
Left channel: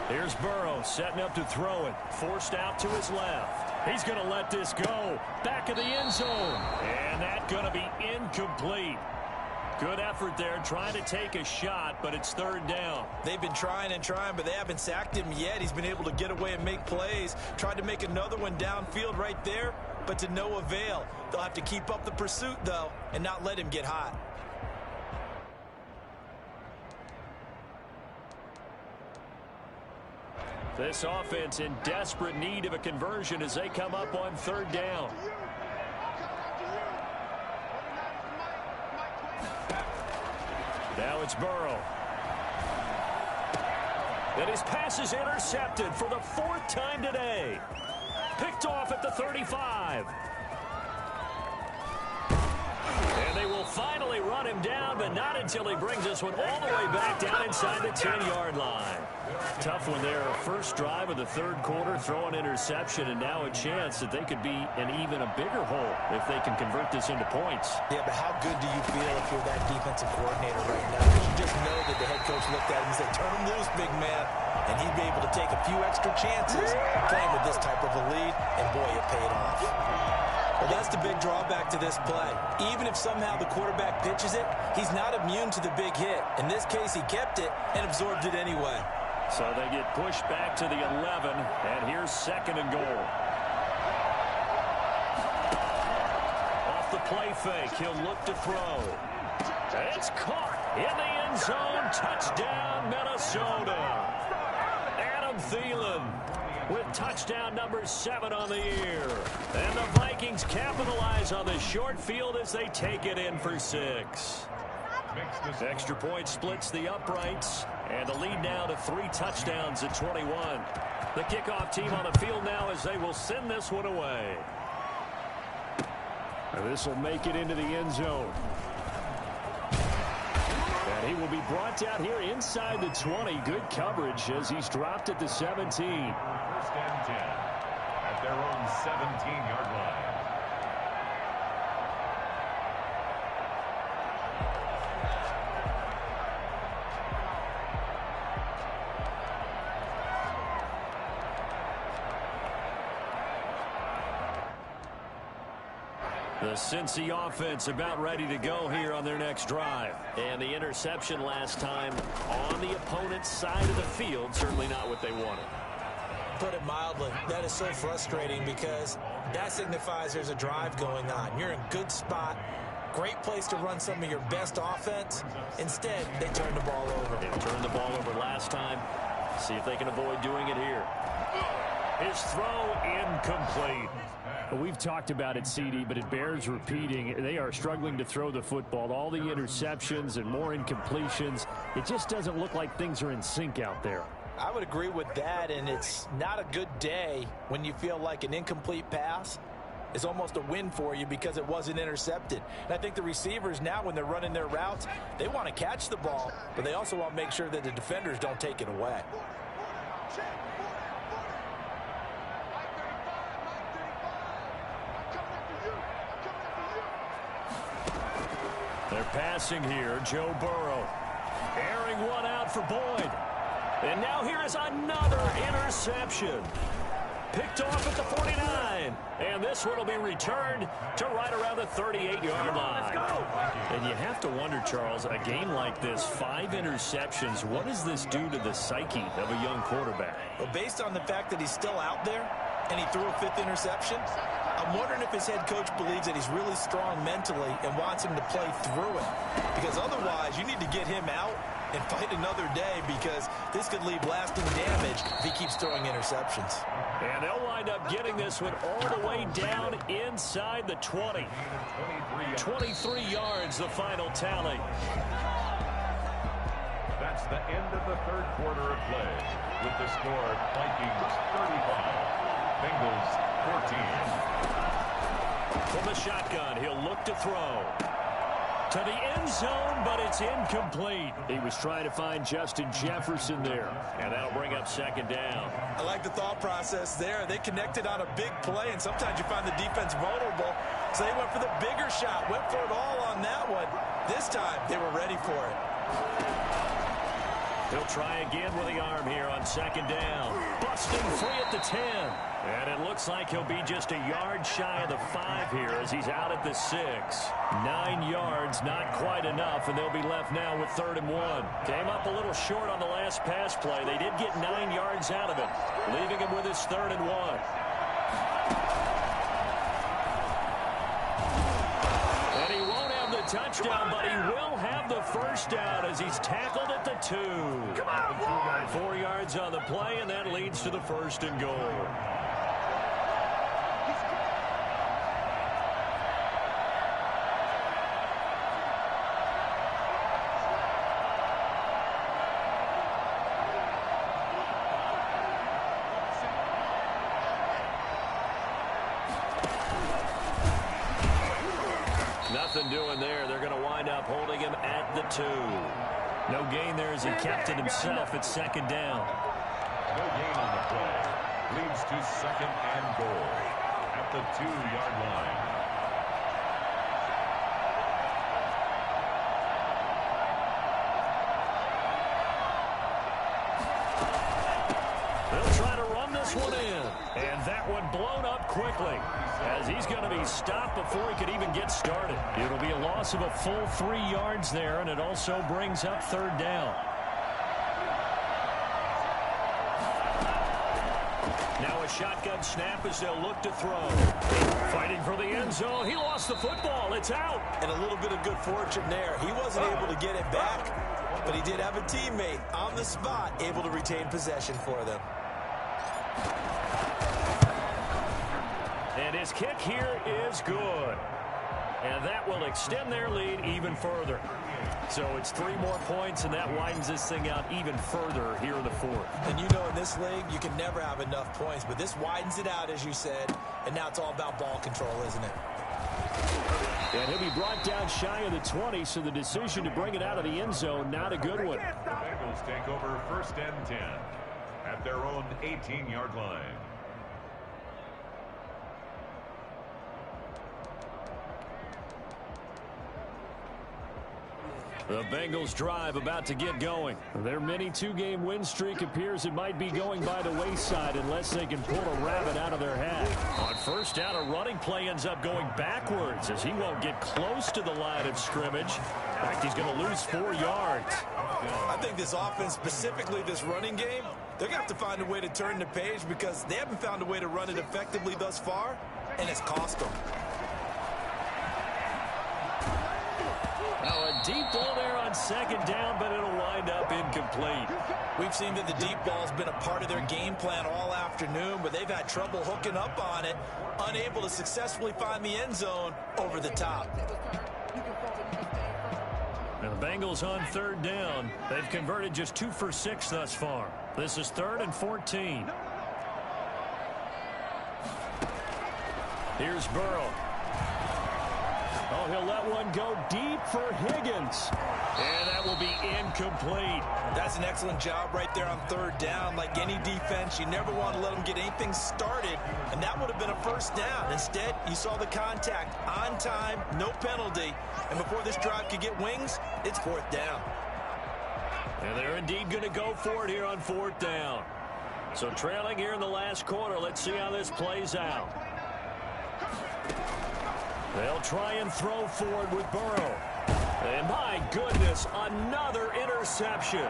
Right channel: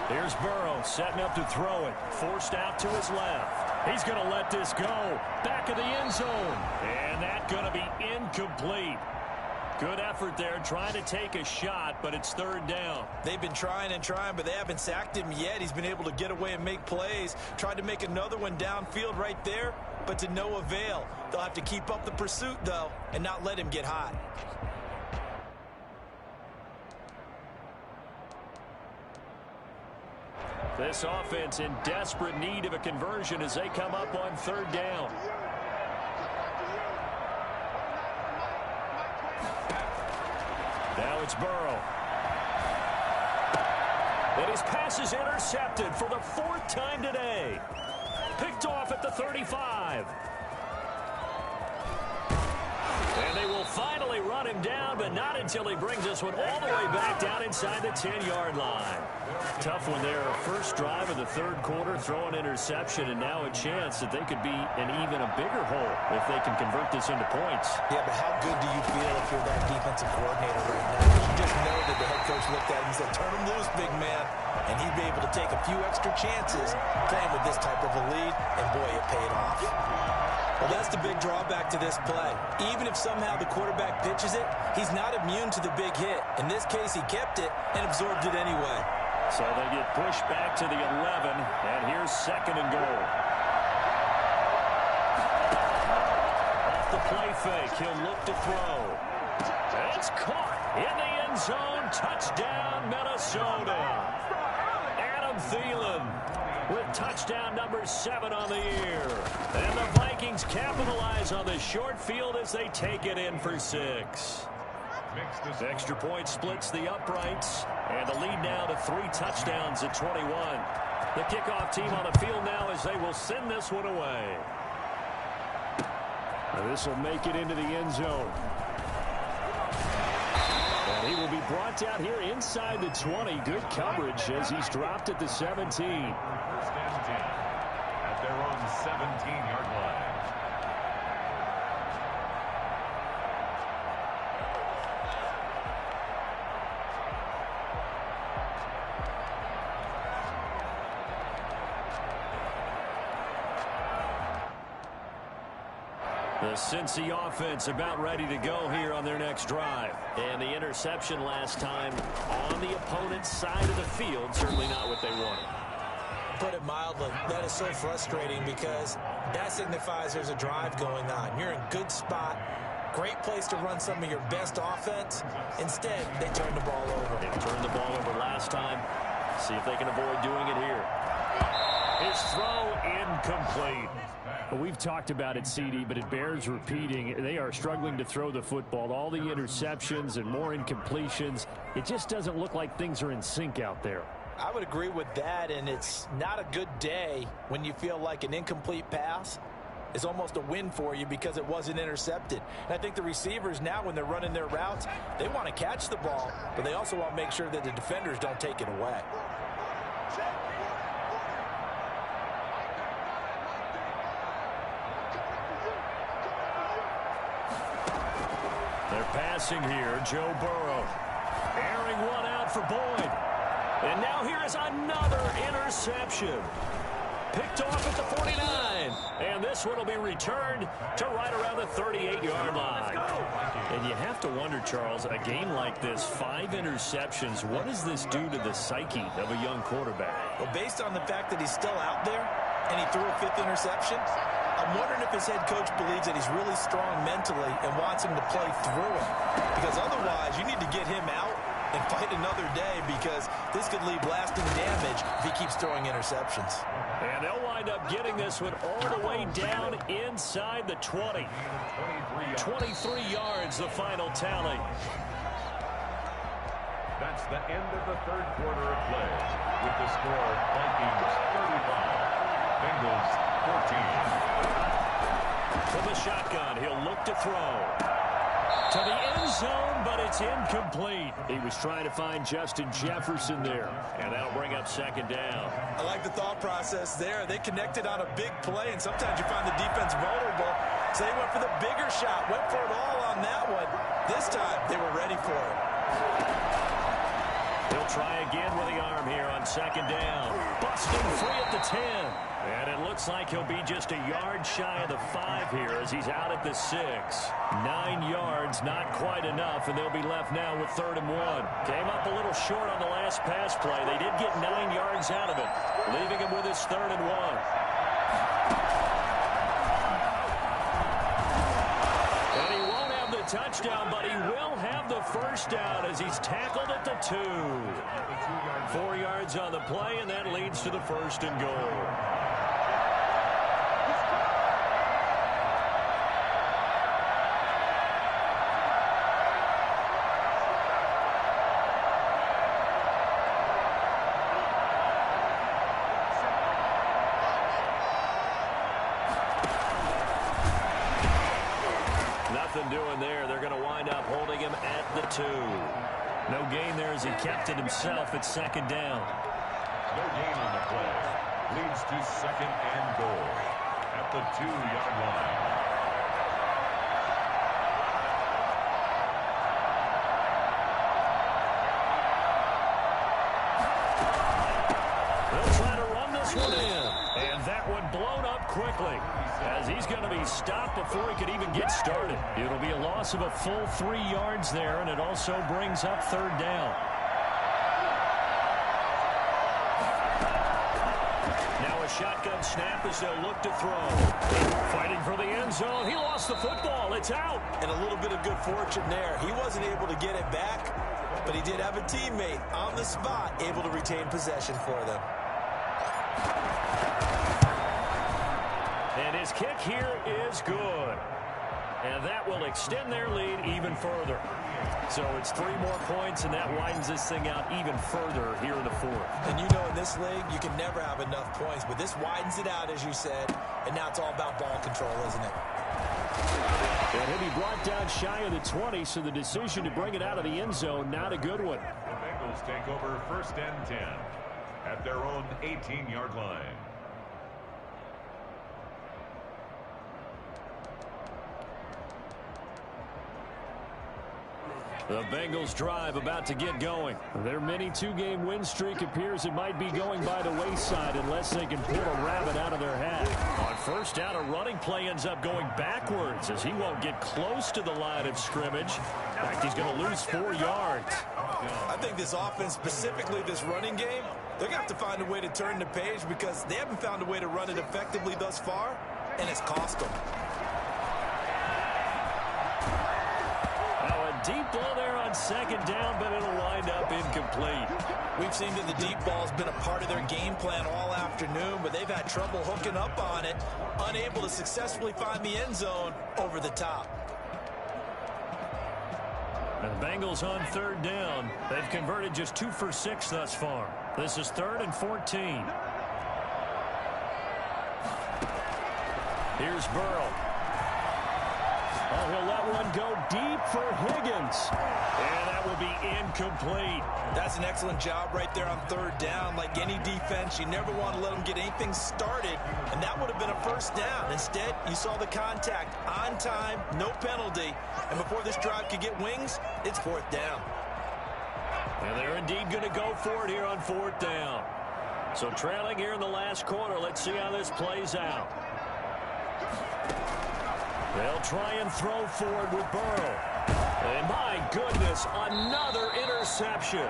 Here's Burrow setting up to throw it. Forced out to his left. He's going to let this go. Back of the end zone. And that's going to be incomplete. Good effort there trying to take a shot, but it's 3rd down. They've been trying and trying, but they haven't sacked him yet. He's been able to get away and make plays. Tried to make another one downfield right there, but to no avail. They'll have to keep up the pursuit, though, and not let him get hot. This offense in desperate need of a conversion as they come up on 3rd down. Now it's Burrow. And his pass is intercepted for the 4th time today. Picked off at the 35. And they will finally run him down, but not until he brings this one all the way back down inside the 10-yard line. Tough one there. First drive of the 3rd quarter, throw an interception, and now a chance that they could be in even a bigger hole if they can convert this into points. Yeah, but how good do you feel if you're that defensive coordinator right now? Because you just know that the head coach looked at him and said, turn him loose, big man. And he'd be able to take a few extra chances playing with this type of a lead, and boy, it paid off. Well, that's the big drawback to this play. Even if somehow the quarterback pitches it, he's not immune to the big hit. In this case, he kept it and absorbed it anyway. So they get pushed back to the 11, and here's 2nd and goal. Off the play fake, he'll look to throw. It's caught in the end zone. Touchdown, Minnesota. Adam Thielen with touchdown number 7 on the year. And the Vikings capitalize on the short field as they take it in for 6. Extra point splits the uprights, and the lead now to 3 touchdowns at 21. The kickoff team on the field now as they will send this one away. And this will make it into the end zone. And he will be brought down here inside the 20. Good coverage as he's dropped at the 17. 1st and 10 at their own 17-yard line. The Cincy offense about ready to go here on their next drive. And the interception last time on the opponent's side of the field. Certainly not what they wanted. Put it mildly, that is so frustrating because that signifies there's a drive going on. You're in good spot. Great place to run some of your best offense. Instead, they turn the ball over. They turned the ball over last time. See if they can avoid doing it here. His throw incomplete. We've talked about it, CD, but it bears repeating. They are struggling to throw the football. All the interceptions and more incompletions. It just doesn't look like things are in sync out there. I would agree with that, and it's not a good day when you feel like an incomplete pass is almost a win for you because it wasn't intercepted. And I think the receivers now, when they're running their routes, they want to catch the ball, but they also want to make sure that the defenders don't take it away. They're passing here. Joe Burrow. Airing one out for Boyd. And now here is another interception. Picked off at the 49. And this one will be returned to right around the 38-yard line. And you have to wonder, Charles, a game like this, 5 interceptions, what does this do to the psyche of a young quarterback? Well, based on the fact that he's still out there and he threw a 5th interception, I'm wondering if his head coach believes that he's really strong mentally and wants him to play through it. Because otherwise, you need to get him out and fight another day, because this could leave lasting damage if he keeps throwing interceptions. And they'll wind up getting this one all the way down inside the 20. 23 yards, the final tally. That's the end of the third quarter of play. With the score, Vikings 35, Bengals 14. From the shotgun, he'll look to throw. To the end zone, but it's incomplete. He was trying to find Justin Jefferson there, and that'll bring up second down. I like the thought process there. They connected on a big play, and sometimes you find the defense vulnerable, so they went for the bigger shot, went for it all on that one. This time, they were ready for it. He'll try again with the arm here on second down. Busting free at the 10. And it looks like he'll be just a yard shy of the 5 here as he's out at the 6. 9 yards, not quite enough, and they'll be left now with 3rd and 1. Came up a little short on the last pass play. They did get 9 yards out of it, leaving him with his 3rd and 1. And he won't have the touchdown, but he will have the first down as he's tackled at the 2. 4 yards on the play, and that leads to the 1st and goal. Nothing doing there. They're going to wind up holding him at the 2. No gain there as he kept it himself at second down. No gain on the play. Leads to 2nd and goal at the 2-yard line. They'll try to run this one in. And that one blown up quickly as he's going to be stopped before he could even get started. It'll be a loss of a full 3 yards there, and it also brings up 3rd down. Now a shotgun snap as they'll look to throw. Fighting for the end zone. He lost the football. It's out. And a little bit of good fortune there. He wasn't able to get it back, but he did have a teammate on the spot able to retain possession for them. And his kick here is good. And that will extend their lead even further. So it's 3 more points, and that widens this thing out even further here in the 4th. And you know, in this league, you can never have enough points, but this widens it out, as you said, and now it's all about ball control, isn't it? And he'll be brought down shy of the 20, so the decision to bring it out of the end zone, not a good one. The Bengals take over 1st and 10 at their own 18-yard line. The Bengals drive about to get going. Their mini 2-game win streak appears it might be going by the wayside unless they can pull a rabbit out of their hat. On 1st down, a running play ends up going backwards as he won't get close to the line of scrimmage. In fact, he's going to lose 4 yards. I think this offense, specifically this running game, they're going to have to find a way to turn the page because they haven't found a way to run it effectively thus far, and it's cost them. Oh, a deep ball there on 2nd down, but it'll wind up incomplete. We've seen that the deep ball's been a part of their game plan all afternoon, but they've had trouble hooking up on it, unable to successfully find the end zone over the top. And the Bengals on 3rd down. They've converted just 2 for 6 thus far. This is 3rd and 14. Here's Burrow. Oh, he'll let one go deep for Higgins. And that will be incomplete. That's an excellent job right there on third down. Like any defense, you never want to let them get anything started, and that would have been a first down. Instead, you saw the contact on time, no penalty, and before this drive could get wings, it's fourth down. And they're indeed going to go for it here on fourth down. So trailing here in the last quarter, let's see how this plays out. They'll try and throw forward with Burrow. And my goodness, another interception.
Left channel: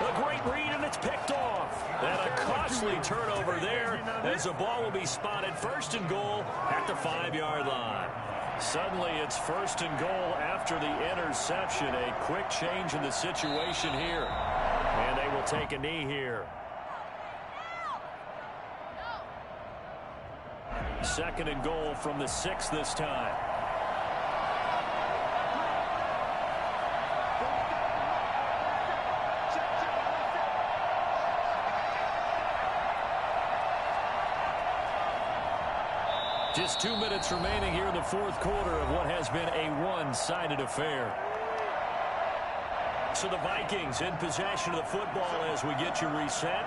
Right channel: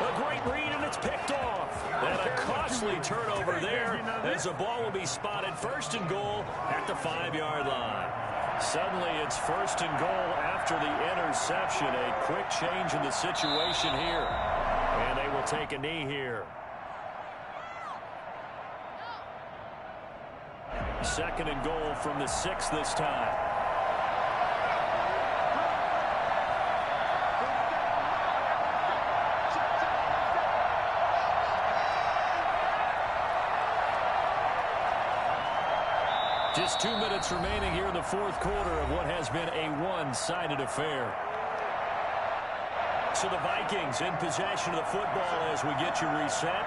A great read, and it's picked off. And a costly turnover there as the ball will be spotted first and goal at the 5-yard line. Suddenly it's first and goal after the interception. A quick change in the situation here. And they will take a knee here. Second and goal from the 6 this time. Just 2 minutes remaining here in the fourth quarter of what has been a one-sided affair. So the Vikings in possession of the football as we get you reset.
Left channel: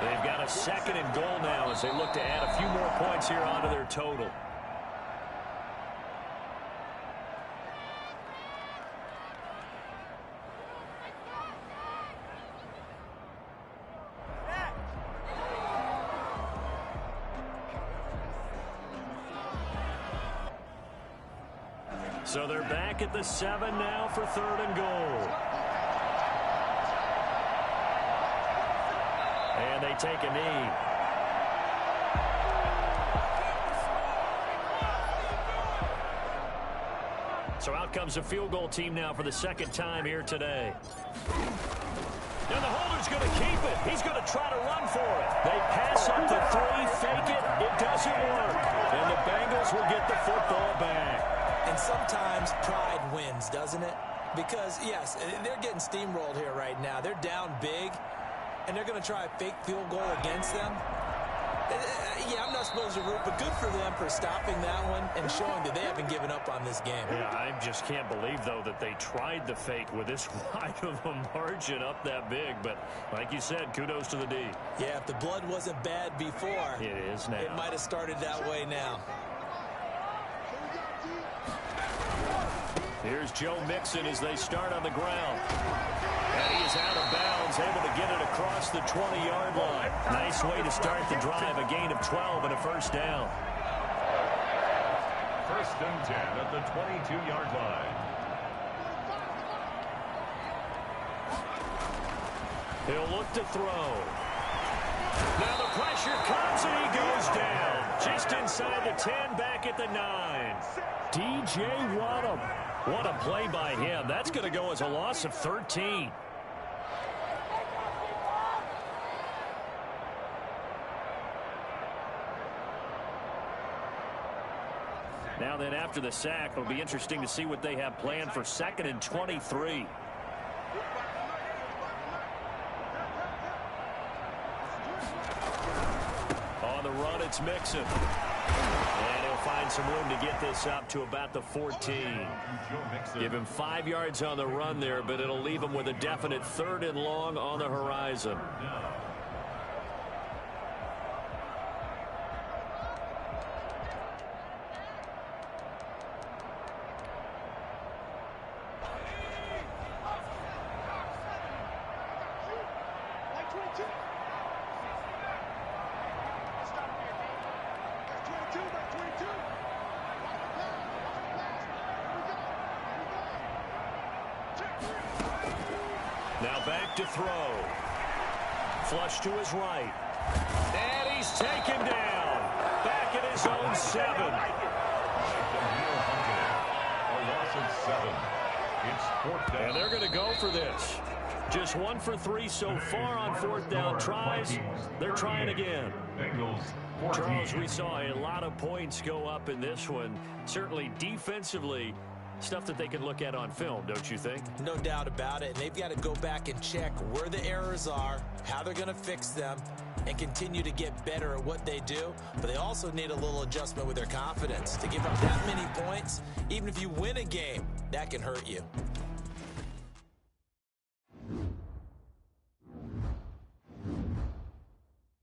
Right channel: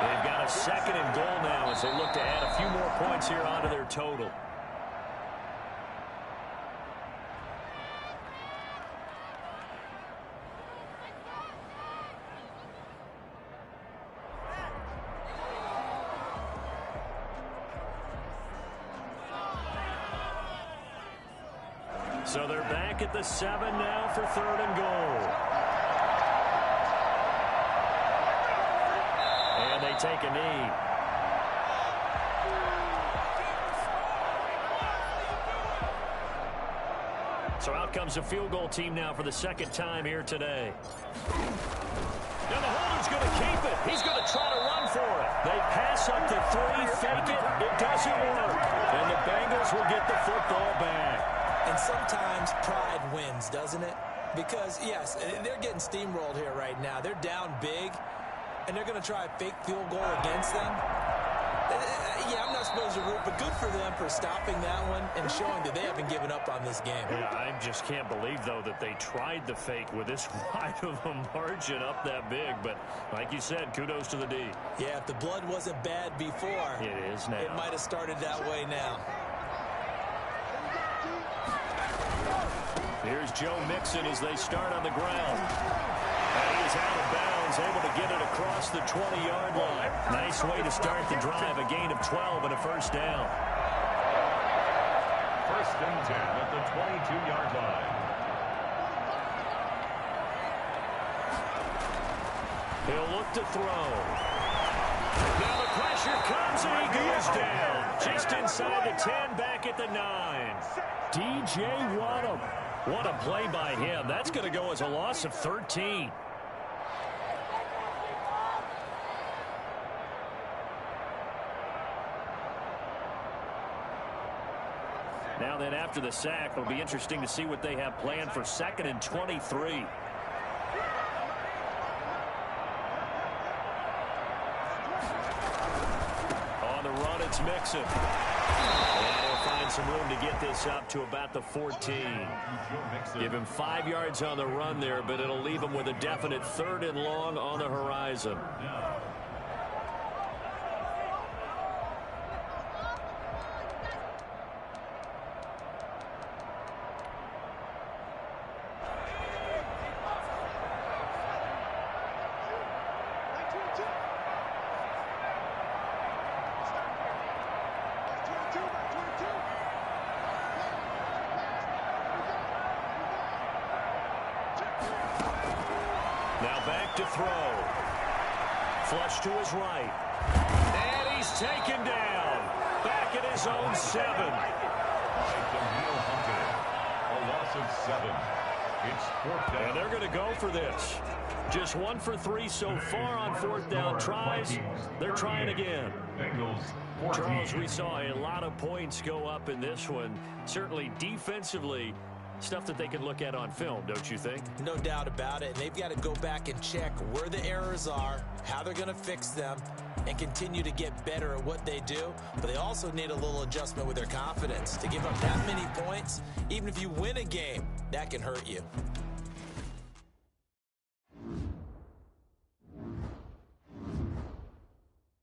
They've got a second and goal now as they look to add a few more points here onto their total. So they're back at the 7 now for third and goal. And they take a knee. So out comes the field goal team now for the second time here today. And the holder's going to keep it. He's going to try to run for it. They pass up to 3, fake it. It doesn't work. And the Bengals will get the football back. And sometimes pride wins, doesn't it? Because, yes, they're getting steamrolled here right now. They're down big, and they're going to try a fake field goal against them. Yeah, I'm not supposed to root, but good for them for stopping that one and showing that they haven't given up on this game. Yeah, I just can't believe, though, that they tried the fake with this wide of a margin up that big. But like you said, kudos to the D. Yeah, if the blood wasn't bad before, it is now. It might have started that way now. Here's Joe Mixon as they start on the ground. And he is out of bounds, able to get it across the 20-yard line. Nice way to start the drive, a gain of 12 and a first down. First and 10 at the 22-yard line. He'll look to throw. Now the pressure comes and he goes down. Just inside the 10, back at the 9. DJ Waddle. What a play by him. That's going to go as a loss of 13. Now then, after the sack, it'll be interesting to see what they have planned for second and 23. On the run, it's Mixon. And he'll find some room to get this up to about the 14. Give him 5 yards on the run there, but it'll leave him with a definite third and long on the horizon. Now back to throw. Flush to his right. And he's taken down. Back at his own 7. A loss of 7. It's fourth down. And they're going to go for this. Just 1 for 3 so far on fourth down tries. They're trying again. Bengals, Charles, we saw a lot of points go up in this one. Certainly defensively, stuff that they can look at on film, don't you think? No doubt about it. And they've got to go back and check where the errors are, how they're going to fix them, and continue to get better at what they do. But they also need a little adjustment with their confidence. To give up that many points, even if you win a game, that can hurt you.